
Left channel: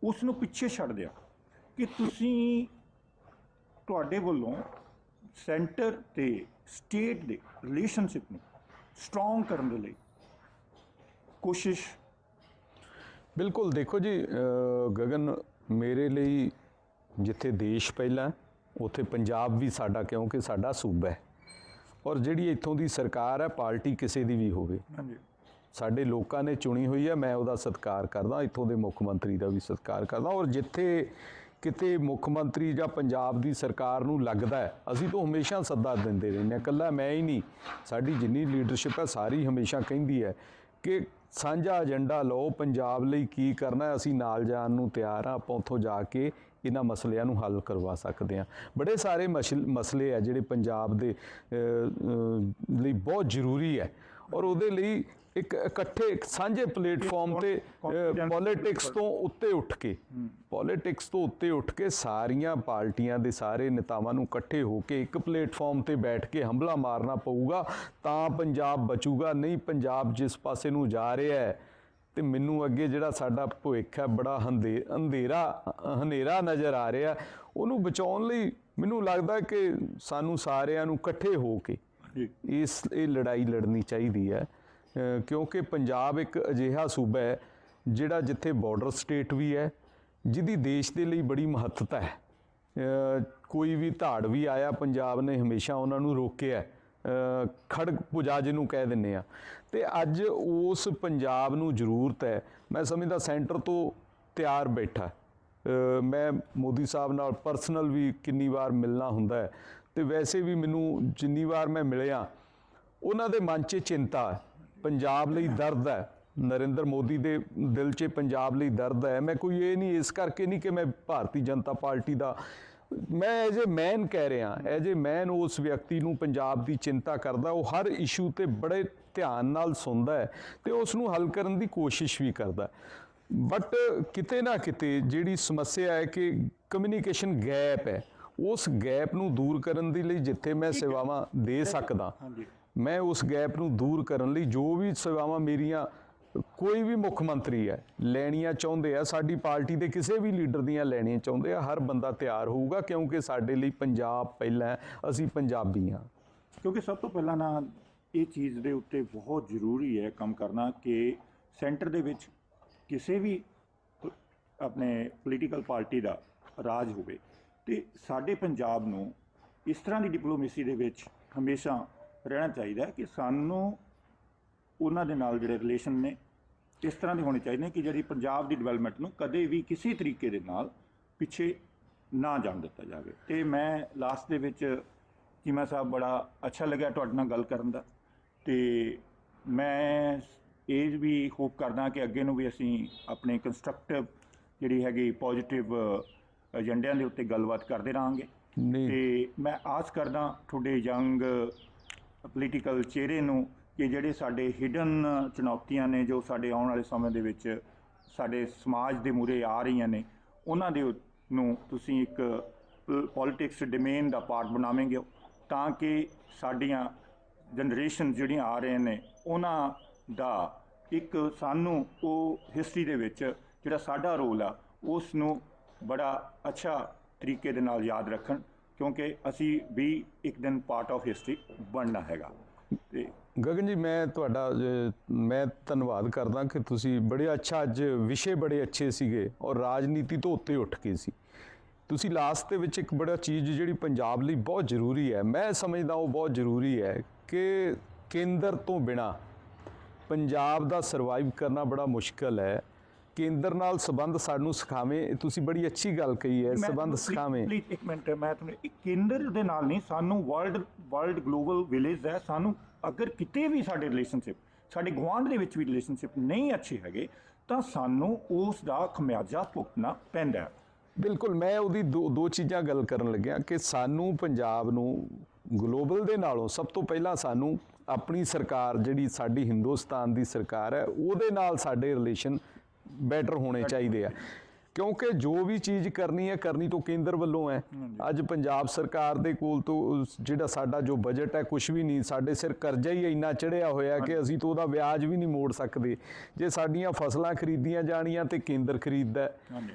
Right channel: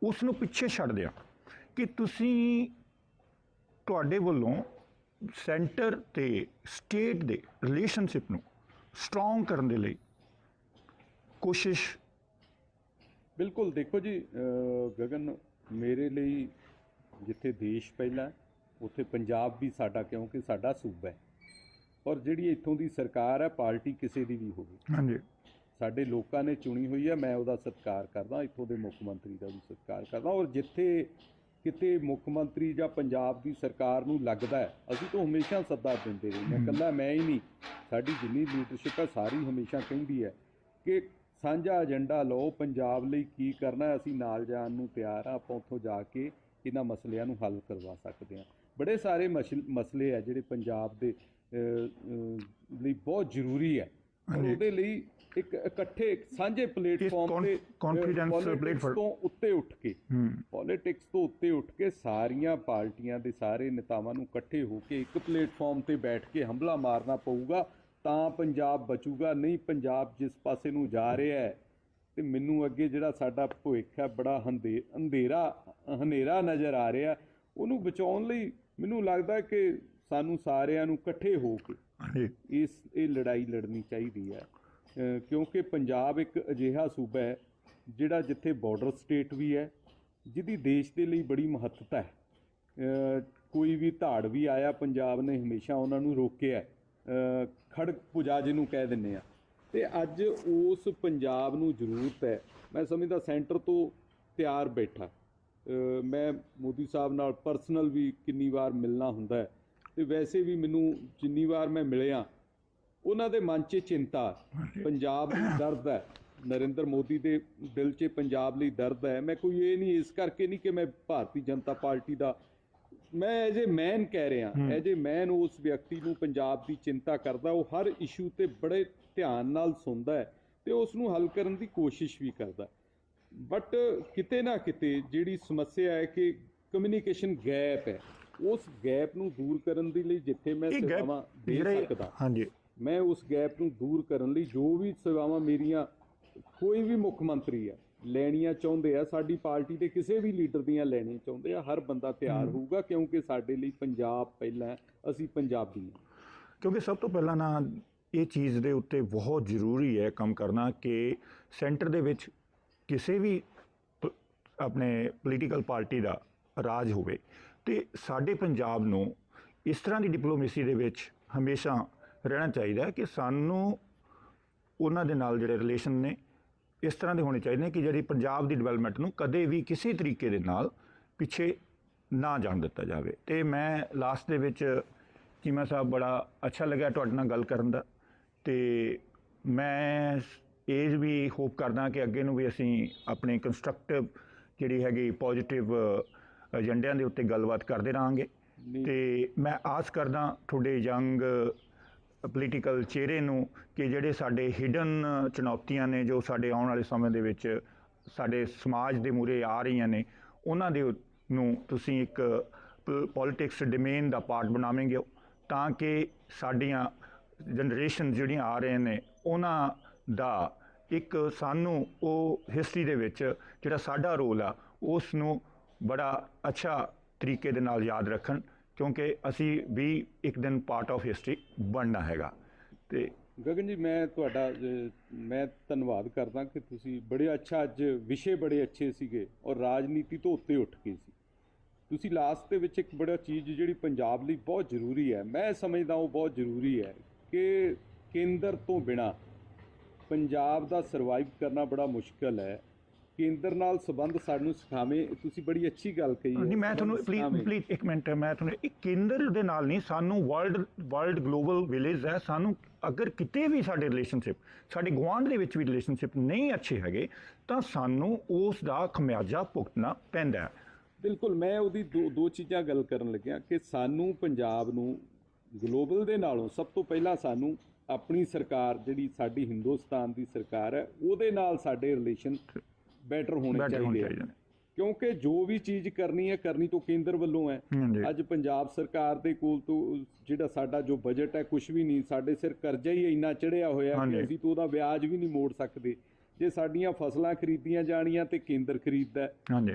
ਉਸ ਨੂੰ ਪਿੱਛੇ ਛੱਡ ਦਿਆ ਕਿ ਤੁਸੀਂ ਤੁਹਾਡੇ ਵੱਲੋਂ ਸੈਂਟਰ ਤੇ ਸਟੇਟ ਦੇ ਰਿਲੇਸ਼ਨਸ਼ਿਪ ਨੂੰ ਸਟਰੋਂਗ ਕਰਨ ਦੇ ਲਈ ਕੋਸ਼ਿਸ਼ ਬਿਲਕੁਲ ਦੇਖੋ ਜੀ ਗਗਨ ਮੇਰੇ ਲਈ ਜਿੱਥੇ ਦੇਸ਼ ਪਹਿਲਾਂ ਉੱਥੇ ਪੰਜਾਬ ਵੀ ਸਾਡਾ ਕਿਉਂਕਿ ਸਾਡਾ ਸੂਬਾ ਹੈ। ਔਰ ਜਿਹੜੀ ਇੱਥੋਂ ਦੀ ਸਰਕਾਰ ਹੈ ਪਾਰਟੀ ਕਿਸੇ ਦੀ ਵੀ ਹੋਵੇ। ਹਾਂਜੀ। ਸਾਡੇ ਲੋਕਾਂ ਨੇ ਚੁਣੀ ਹੋਈ ਹੈ ਮੈਂ ਉਹਦਾ ਸਤਿਕਾਰ ਕਰਦਾ ਇੱਥੋਂ ਦੇ ਮੁੱਖ ਮੰਤਰੀ ਦਾ ਵੀ ਸਤਿਕਾਰ ਕਰਦਾ। ਔਰ ਜਿੱਥੇ ਕਿਤੇ ਮੁੱਖ ਮੰਤਰੀ ਜਾਂ ਪੰਜਾਬ ਦੀ ਸਰਕਾਰ ਨੂੰ ਲੱਗਦਾ ਹੈ ਅਸੀਂ ਤਾਂ ਹਮੇਸ਼ਾ ਸੱਦਾ ਦਿੰਦੇ ਰਹਿੰਦੇ ਹਾਂ ਇਕੱਲਾ ਮੈਂ ਹੀ ਨਹੀਂ। ਸਾਡੀ ਜਿੰਨੀ ਲੀਡਰਸ਼ਿਪ ਹੈ ਸਾਰੀ ਹਮੇਸ਼ਾ ਕਹਿੰਦੀ ਹੈ ਕਿ ਸਾਂਝਾ ਏਜੰਡਾ ਲਓ ਪੰਜਾਬ ਲਈ ਕੀ ਕਰਨਾ ਅਸੀਂ ਨਾਲ ਜਾਣ ਨੂੰ ਤਿਆਰ ਹਾਂ ਆਪਾਂ ਉੱਥੋਂ ਜਾ ਕੇ ਇਹਨਾਂ ਮਸਲਿਆਂ ਨੂੰ ਹੱਲ ਕਰਵਾ ਸਕਦੇ ਹਾਂ। ਬੜੇ ਸਾਰੇ ਮਸਲ- ਆ ਜਿਹੜੇ ਪੰਜਾਬ ਦੇ ਲਈ ਬਹੁਤ ਜ਼ਰੂਰੀ ਹੈ। ਔਰ ਉਹਦੇ ਲਈ ਇੱਕ ਇਕੱਠੇ ਇੱਕ ਸਾਂਝੇ ਪਲੇਟਫਾਰਮ ਤੇ ਪੋਲਿਟਿਕਸ। ਤੋਂ ਉੱਤੇ ਉੱਠ ਕੇ ਪੋਲਿਟਿਕਸ ਤੋਂ ਉੱਤੇ ਉੱਠ ਕੇ ਸਾਰੀਆਂ ਪਾਰਟੀਆਂ ਦੇ ਸਾਰੇ ਨੇਤਾਵਾਂ ਨੂੰ ਇਕੱਠੇ ਹੋ ਕੇ ਇੱਕ ਪਲੇਟਫਾਰਮ ਤੇ ਬੈਠ ਕੇ ਹਮਲਾ ਮਾਰਨਾ ਪਊਗਾ ਤਾਂ ਪੰਜਾਬ ਬਚੂਗਾ। ਨਹੀਂ ਪੰਜਾਬ ਜਿਸ ਪਾਸੇ ਨੂੰ ਜਾ ਰਿਹਾ ਹੈ ਤੇ ਮੈਨੂੰ ਅੱਗੇ ਜਿਹੜਾ ਸਾਡਾ ਭਵਿੱਖ ਹੈ ਬੜਾ ਅੰਧੇਰਾ ਹਨੇਰਾ ਨਜ਼ਰ ਆ ਰਿਹਾ। ਉਹਨੂੰ ਬਚਾਉਣ ਲਈ ਮੈਨੂੰ ਲੱਗਦਾ ਕਿ ਸਾਨੂੰ ਸਾਰਿਆਂ ਨੂੰ ਇਕੱਠੇ ਹੋ ਕੇ ਇਸ ਇਹ ਲੜਾਈ ਲੜਨੀ ਚਾਹੀਦੀ ਹੈ। ਕਿਉਂਕਿ ਪੰਜਾਬ ਇੱਕ ਅਜਿਹਾ ਸੂਬਾ ਹੈ ਜਿਹੜਾ ਜਿੱਥੇ ਬਾਰਡਰ ਸਟੇਟ ਵੀ ਹੈ, ਜਿਹਦੀ ਦੇਸ਼ ਦੇ ਲਈ ਬੜੀ ਮਹੱਤਤਾ ਹੈ। ਕੋਈ ਵੀ ਧਾੜ ਵੀ ਆਇਆ, ਪੰਜਾਬ ਨੇ ਹਮੇਸ਼ਾ ਉਹਨਾਂ ਨੂੰ ਰੋਕਿਆ ਹੈ। ਪੁਜਾ ਜਿਹਨੂੰ ਕਹਿ ਦਿੰਨੇ ਆ ਤੇ ਅੱਜ ਉਸ ਪੰਜਾਬ ਨੂੰ ਜ਼ਰੂਰਤ ਹੈ। ਮੈਂ ਸਮਝਦਾ ਸੈਂਟਰ ਤੋਂ ਤਿਆਰ ਬੈਠਾ ਮੈਂ ਮੋਦੀ ਸਾਹਿਬ ਨਾਲ ਪਰਸਨਲ ਵੀ ਕਿੰਨੀ ਵਾਰ ਮਿਲਣਾ ਹੁੰਦਾ ਹੈ। ਤੇ ਵੈਸੇ ਵੀ ਮੈਨੂੰ ਜਿੰਨੀ ਵਾਰ ਮੈਂ ਮਿਲਿਆ ਉਹਨਾਂ ਦੇ ਮਨ 'ਚ ਚਿੰਤਾ ਹੈ। ਪੰਜਾਬ ਲਈ ਦਰਦ ਹੈ। ਨਰਿੰਦਰ ਮੋਦੀ ਦੇ ਦਿਲ 'ਚ ਪੰਜਾਬ ਲਈ ਦਰਦ ਹੈ। ਮੈਂ ਕੋਈ ਇਹ ਨਹੀਂ ਇਸ ਕਰਕੇ ਨਹੀਂ ਕਿ ਮੈਂ ਭਾਰਤੀ ਜਨਤਾ ਪਾਰਟੀ ਦਾ ਮੈਂ ਐਜ ਏ ਮੈਨ ਕਹਿ ਰਿਹਾ ਐਜ ਏ ਮੈਨ ਉਸ ਵਿਅਕਤੀ ਨੂੰ ਪੰਜਾਬ ਦੀ ਚਿੰਤਾ ਕਰਦਾ ਉਹ ਹਰ ਇਸ਼ੂ ਤੇ ਬੜੇ ਧਿਆਨ ਨਾਲ ਸੁਣਦਾ ਹੈ ਤੇ ਉਸ ਨੂੰ ਹੱਲ ਕਰਨ ਦੀ ਕੋਸ਼ਿਸ਼ ਵੀ ਕਰਦਾ ਬਟ ਕਿਤੇ ਨਾ ਕਿਤੇ ਜਿਹੜੀ ਸਮੱਸਿਆ ਹੈ ਕਿ ਕਮਿਊਨੀਕੇਸ਼ਨ ਗੈਪ ਹੈ ਉਸ ਗੈਪ ਨੂੰ ਦੂਰ ਕਰਨ ਦੇ ਲਈ ਜਿੱਥੇ ਮੈਂ ਸੇਵਾਵਾਂ ਦੇ ਸਕਦਾ। ਹਾਂਜੀ। ਮੈਂ ਉਸ ਗੈਪ ਨੂੰ ਦੂਰ ਕਰਨ ਲਈ ਜੋ ਵੀ ਸੇਵਾਵਾਂ ਮੇਰੀਆਂ ਕੋਈ ਵੀ ਮੁੱਖ ਮੰਤਰੀ ਹੈ ਲੈਣੀਆਂ ਚਾਹੁੰਦੇ ਆ ਸਾਡੀ ਪਾਰਟੀ ਦੇ ਕਿਸੇ ਵੀ ਲੀਡਰ ਦੀਆਂ ਲੈਣੀਆਂ ਚਾਹੁੰਦੇ ਆ ਹਰ ਬੰਦਾ ਤਿਆਰ ਹੋਊਗਾ ਕਿਉਂਕਿ ਸਾਡੇ ਲਈ ਪੰਜਾਬ ਪਹਿਲਾਂ ਅਸੀਂ ਪੰਜਾਬੀ ਹਾਂ। ਕਿਉਂਕਿ ਸਭ ਤੋਂ ਪਹਿਲਾਂ ਨਾ ਇਹ ਚੀਜ਼ ਦੇ ਉੱਤੇ ਬਹੁਤ ਜ਼ਰੂਰੀ ਹੈ ਕੰਮ ਕਰਨਾ ਕਿ ਸੈਂਟਰ ਦੇ ਵਿੱਚ ਕਿਸੇ ਵੀ ਆਪਣੇ ਪੋਲੀਟੀਕਲ ਪਾਰਟੀ ਦਾ ਰਾਜ ਹੋਵੇ। ਤੇ ਸਾਡੇ ਪੰਜਾਬ ਨੂੰ ਇਸ ਤਰ੍ਹਾਂ ਦੀ ਡਿਪਲੋਮੇਸੀ ਦੇ ਵਿੱਚ ਹਮੇਸ਼ਾ ਰਹਿਣਾ ਚਾਹੀਦਾ ਕਿ ਸਾਨੂੰ ਉਹਨਾਂ ਦੇ ਨਾਲ ਜਿਹੜੇ ਰਿਲੇਸ਼ਨ ਨੇ ਇਸ ਤਰ੍ਹਾਂ ਦੇ ਹੋਣੇ ਚਾਹੀਦੇ ਨੇ ਕਿ ਜਿਹੜੀ ਪੰਜਾਬ ਦੀ ਡਿਵੈਲਪਮੈਂਟ ਨੂੰ ਕਦੇ ਵੀ ਕਿਸੇ ਤਰੀਕੇ ਦੇ ਨਾਲ ਪਿੱਛੇ ਨਾ ਜਾਣ ਦਿੱਤਾ ਜਾਵੇ। ਤੇ ਮੈਂ ਲਾਸਟ ਦੇ ਵਿੱਚ ਚੀਮਾ ਸਾਹਿਬ ਬੜਾ ਅੱਛਾ ਲੱਗਿਆ ਤੁਹਾਡੇ ਨਾਲ ਗੱਲ ਕਰਨ ਦਾ। ਤੇ ਮੈਂ ਇਹ ਵੀ ਹੋਪ ਕਰਦਾ ਕਿ ਅੱਗੇ ਨੂੰ ਵੀ ਅਸੀਂ ਆਪਣੇ ਕੰਸਟਰਕਟਿਵ ਜਿਹੜੀ ਹੈਗੀ ਪੋਜ਼ਿਟਿਵ ਏਜੰਡਿਆਂ ਦੇ ਉੱਤੇ ਗੱਲਬਾਤ ਕਰਦੇ ਨਹੀਂ। ਤੇ ਮੈਂ ਆਸ ਕਰਦਾ ਤੁਹਾਡੇ ਯੰਗ ਪੋਲੀਟੀਕਲ ਚਿਹਰੇ ਨੂੰ ਕਿ ਜਿਹੜੇ ਸਾਡੇ ਹਿਡਨ ਚੁਣੌਤੀਆਂ ਨੇ ਜੋ ਸਾਡੇ ਆਉਣ ਵਾਲੇ ਸਮੇਂ ਦੇ ਵਿੱਚ ਸਾਡੇ ਸਮਾਜ ਦੇ ਮੂਰੇ ਆ ਰਹੀਆਂ ਨੇ, ਉਹਨਾਂ ਦੇ ਨੂੰ ਤੁਸੀਂ ਇੱਕ ਪੋਲਿਟਿਕਸ ਡੋਮੇਨ ਦਾ ਪਾਰਟ ਬਣਾਵੇਂਗੇ ਤਾਂ ਕਿ ਸਾਡੀਆਂ ਜਨਰੇਸ਼ਨ ਜਿਹੜੀਆਂ ਆ ਰਹੇ ਨੇ, ਉਹਨਾਂ ਦਾ ਇੱਕ ਸਾਨੂੰ ਉਹ ਹਿਸਟਰੀ ਦੇ ਵਿੱਚ ਜਿਹੜਾ ਸਾਡਾ ਰੋਲ ਆ, ਉਸ ਨੂੰ ਬੜਾ ਅੱਛਾ ਤਰੀਕੇ ਦੇ ਨਾਲ ਯਾਦ ਰੱਖਣ। ਕਿਉਂਕਿ ਅਸੀਂ ਵੀ ਇੱਕ ਦਿਨ ਪਾਰਟ ਆਫ ਹਿਸਟਰੀ ਬਣਨਾ ਹੈਗਾ। ਤੇ ਗਗਨ ਜੀ, ਮੈਂ ਤੁਹਾਡਾ ਮੈਂ ਧੰਨਵਾਦ ਕਰਦਾ ਕਿ ਤੁਸੀਂ ਬੜੇ, ਅੱਛਾ ਅੱਜ ਵਿਸ਼ੇ ਬੜੇ ਅੱਛੇ ਸੀਗੇ ਔਰ ਰਾਜਨੀਤੀ ਤੋਂ ਉੱਤੇ ਉੱਠ ਕੇ ਸੀ। ਤੁਸੀਂ ਲਾਸਟ ਦੇ ਵਿੱਚ ਇੱਕ ਬੜਾ ਚੀਜ਼ ਜਿਹੜੀ ਪੰਜਾਬ ਲਈ ਬਹੁਤ ਜ਼ਰੂਰੀ ਹੈ, ਮੈਂ ਸਮਝਦਾ ਉਹ ਬਹੁਤ ਜ਼ਰੂਰੀ ਹੈ ਕਿ ਕੇਂਦਰ ਤੋਂ ਬਿਨਾ ਪੰਜਾਬ ਦਾ ਸਰਵਾਈਵ ਕਰਨਾ ਬੜਾ ਮੁਸ਼ਕਲ ਹੈ। ਕੇਂਦਰ ਨਾਲ ਸੰਬੰਧ ਸਾਨੂੰ ਸਿਖਾਵੇਂ ਇਹ ਤੁਸੀਂ ਬੜੀ ਅੱਛੀ ਗੱਲ ਕਹੀ ਹੈ ਸੰਬੰਧ ਤੁਹਾਨੂੰ ਸਿਖਾਵੇਂ। ਪਲੀਜ਼ ਇੱਕ ਮਿੰਟ ਮੈਂ ਤੁਹਾਨੂੰ ਇੱਕ ਕੇਂਦਰ ਦੇ ਨਾਲ ਨਹੀਂ ਸਾਨੂੰ ਵਰਲਡ ਵਰਲਡ ਗਲੋਬਲ ਵਿਲੇਜ ਹੈ ਸਾਨੂੰ ਅਗਰ ਕਿਤੇ ਵੀ ਸਾਡੇ ਰਿਲੇਸ਼ਨਸ਼ਿਪ ਸਾਡੇ ਗੁਆਂਢ ਦੇ ਵਿੱਚ ਵੀ ਰਿਲੇਸ਼ਨਸ਼ਿਪ ਨਹੀਂ ਅੱਛੇ ਹੈਗੇ ਤਾਂ ਸਾਨੂੰ ਉਸ ਦਾ ਖਮਿਆਜਾ ਭੁਗਤਣਾ ਪੈਂਦਾ ਹੈ। ਬਿਲਕੁਲ ਮੈਂ ਉਹਦੀ ਦੋ ਦੋ ਚੀਜ਼ਾਂ ਗੱਲ ਕਰਨ ਲੱਗਿਆ ਕਿ ਸਾਨੂੰ ਪੰਜਾਬ ਨੂੰ ਗਲੋਬਲ ਦੇ ਨਾਲੋਂ ਸਭ ਤੋਂ ਪਹਿਲਾਂ ਸਾਨੂੰ ਆਪਣੀ ਸਰਕਾਰ ਜਿਹੜੀ ਸਾਡੀ ਹਿੰਦੁਸਤਾਨ ਦੀ ਸਰਕਾਰ ਹੈ ਉਹਦੇ ਨਾਲ ਸਾਡੇ ਰਿਲੇਸ਼ਨ ਬੈਟਰ ਹੋਣੇ ਚਾਹੀਦੇ ਆ। ਕਿਉਂਕਿ ਜੋ ਵੀ ਚੀਜ਼ ਕਰਨੀ ਹੈ ਕਰਨੀ ਤੋਂ ਕੇਂਦਰ ਵੱਲੋਂ ਹੈ। ਅੱਜ ਪੰਜਾਬ ਸਰਕਾਰ ਦੇ ਕੋਲ ਤੋਂ ਜਿਹੜਾ ਸਾਡਾ ਜੋ ਬਜਟ ਹੈ ਕੁਝ ਵੀ ਨਹੀਂ ਸਾਡੇ ਸਿਰ ਕਰਜ਼ਾ ਹੀ ਇੰਨਾ ਚੜਿਆ ਹੋਇਆ ਕਿ। ਅਸੀਂ ਤੋਂ ਉਹਦਾ ਵਿਆਜ ਵੀ ਨਹੀਂ ਮੋੜ ਸਕਦੇ ਜੇ ਸਾਡੀਆਂ ਫਸਲਾਂ ਖਰੀਦੀਆਂ ਜਾਣੀਆਂ ਤੇ ਕੇਂਦਰ ਖਰੀਦਦਾ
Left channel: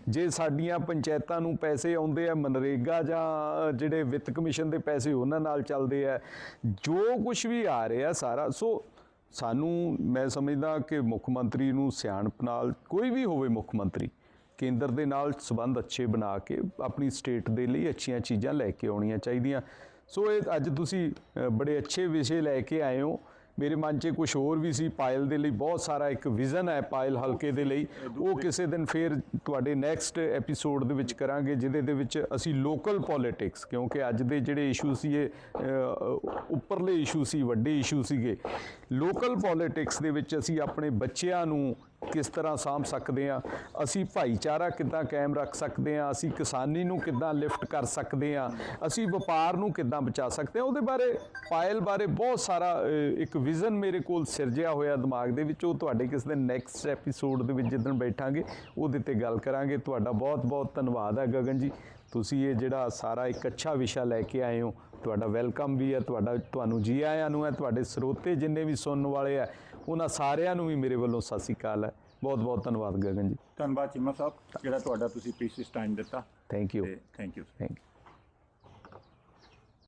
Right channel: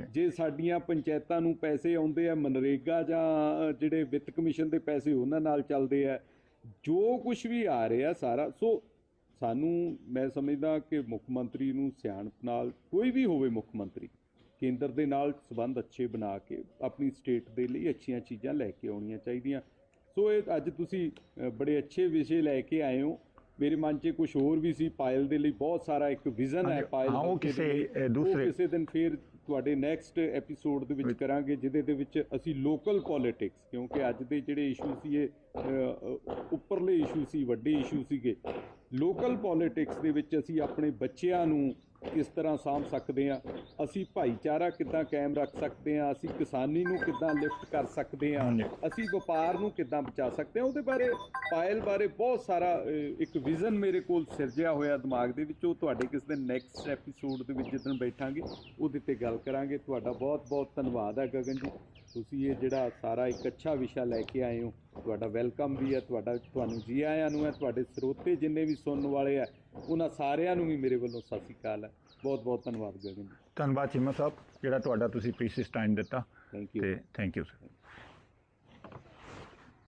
ਜੇ ਸਾਡੀਆਂ ਪੰਚਾਇਤਾਂ ਨੂੰ ਪੈਸੇ ਆਉਂਦੇ ਆ ਮਨਰੇਗਾ ਜਾਂ ਜਿਹੜੇ ਵਿੱਤ ਕਮਿਸ਼ਨ ਦੇ ਪੈਸੇ ਉਹਨਾਂ ਨਾਲ ਚੱਲਦੇ ਆ ਜੋ ਕੁਝ ਵੀ ਆ ਰਿਹਾ ਸਾਰਾ ਸੋ ਸਾਨੂੰ, ਮੈਂ ਸਮਝਦਾ ਕਿ ਮੁੱਖ ਮੰਤਰੀ ਨੂੰ ਸਿਆਣਪ ਨਾਲ, ਕੋਈ ਵੀ ਹੋਵੇ ਮੁੱਖ ਮੰਤਰੀ, ਕੇਂਦਰ ਦੇ ਨਾਲ ਸਬੰਧ ਅੱਛੇ ਬਣਾ ਕੇ ਆਪਣੀ ਸਟੇਟ ਦੇ ਲਈ ਅੱਛੀਆਂ ਚੀਜ਼ਾਂ ਲੈ ਕੇ ਆਉਣੀਆਂ ਚਾਹੀਦੀਆਂ। ਸੋ ਇਹ ਅੱਜ ਤੁਸੀਂ ਬੜੇ ਅੱਛੇ ਵਿਸ਼ੇ ਲੈ ਕੇ ਆਏ ਹੋ। ਮੇਰੇ ਮਨ 'ਚ ਕੁਝ ਹੋਰ ਵੀ ਸੀ ਪਾਇਲ ਦੇ ਲਈ ਬਹੁਤ ਸਾਰਾ ਇੱਕ ਵਿਜ਼ਨ ਹੈ ਪਾਇਲ ਹਲਕੇ ਦੇ ਲਈ। ਉਹ ਕਿਸੇ ਦਿਨ ਫੇਰ ਤੁਹਾਡੇ ਨੈਕਸਟ ਐਪੀਸੋਡ ਦੇ ਵਿੱਚ ਕਰਾਂਗੇ ਜਿਹਦੇ ਦੇ ਵਿੱਚ ਅਸੀਂ ਲੋਕਲ ਪੋਲਿਟਿਕਸ ਕਿਉਂਕਿ ਅੱਜ ਦੇ ਜਿਹੜੇ ਇਸ਼ੂ ਸੀ ਇਹ ਉੱਪਰਲੇ ਇਸ਼ੂ ਸੀ ਵੱਡੇ ਇਸ਼ੂ ਸੀਗੇ। ਲੋਕਲ ਪੋਲਿਟਿਕਸ ਦੇ ਵਿੱਚ ਅਸੀਂ ਆਪਣੇ ਬੱਚਿਆਂ ਨੂੰ ਕਿਸ ਤਰ੍ਹਾਂ ਸਾਂਭ ਸਕਦੇ ਆ ਅਸੀਂ ਭਾਈਚਾਰਾ ਕਿੱਦਾਂ ਕਾਇਮ ਰੱਖ ਸਕਦੇ ਆ ਅਸੀਂ ਕਿਸਾਨੀ ਨੂੰ ਕਿੱਦਾਂ ਲਿਫਟ ਕਰ ਸਕਦੇ ਆ ਅਸੀਂ ਵਪਾਰ ਨੂੰ ਕਿੱਦਾਂ ਬਚਾ ਸਕਦੇ ਆ ਉਹਦੇ ਬਾਰੇ, ਪਾਇਲ ਬਾਰੇ ਬਹੁਤ ਸਾਰਾ ਇੱਕ ਵਿਜ਼ਨ ਮੇਰੇ ਕੋਲ ਸਿਰਜਿਆ ਹੋਇਆ ਦਿਮਾਗ ਦੇ ਵਿੱਚ। ਉਹ ਤੁਹਾਡੇ ਕਿਸ ਦਿਨ ਨੈਕਸਟ ਐਪੀਸੋਡ ਦੇ ਵਿੱਚ ਜਿੱਦਣ ਬੈਠਾਂਗੇ, ਉਹਦੇ ਤੇ ਗੱਲ ਕਰਾਂਗੇ। ਤੁਹਾਡਾ ਬਹੁਤ ਬਹੁਤ ਧੰਨਵਾਦ ਹੈ ਗਗਨ ਜੀ। ਤੁਸੀਂ ਇਹ ਜਿਹੜਾ ਸਾਰਾ ਇੱਕ ਅੱਛਾ ਵਿਸ਼ਾ ਲੈ ਕੇ ਆਏ ਹੋ ਤੁਹਾਡਾ ਵੈਲਕਮ ਵੀ ਹੈ ਤੁਹਾਡਾ ਤੁਹਾਨੂੰ ਜੀ ਆਇਆਂ ਨੂੰ ਹੈ ਤੁਹਾਡੇ ਸਰੋਤੇ ਜਿੰਨੇ ਵੀ ਸੁਣਨ ਵਾਲੇ ਆ ਉਹਨਾਂ ਸਾਰਿਆਂ ਨੂੰ ਵੀ ਮੇਰੇ ਵੱਲੋਂ ਸਤਿ ਸ਼੍ਰੀ ਅਕਾਲ ਹੈ। ਬਹੁਤ ਬਹੁਤ ਧੰਨਵਾਦ ਗਗਨ ਜੀ। ਧੰਨਵਾਦ ਚੀਮਾ ਸਾਹਿਬ ਜਿਹੜਾ ਤੁਹਾਡਾ ਤੁਸੀਂ ਪ੍ਰੀਸੀਅਸ ਟਾਈਮ ਦਿੱਤਾ। ਥੈਂਕ ਯੂ ਤੇ ਥੈਂਕ ਯੂ ਥੈਂਕ ਯੂ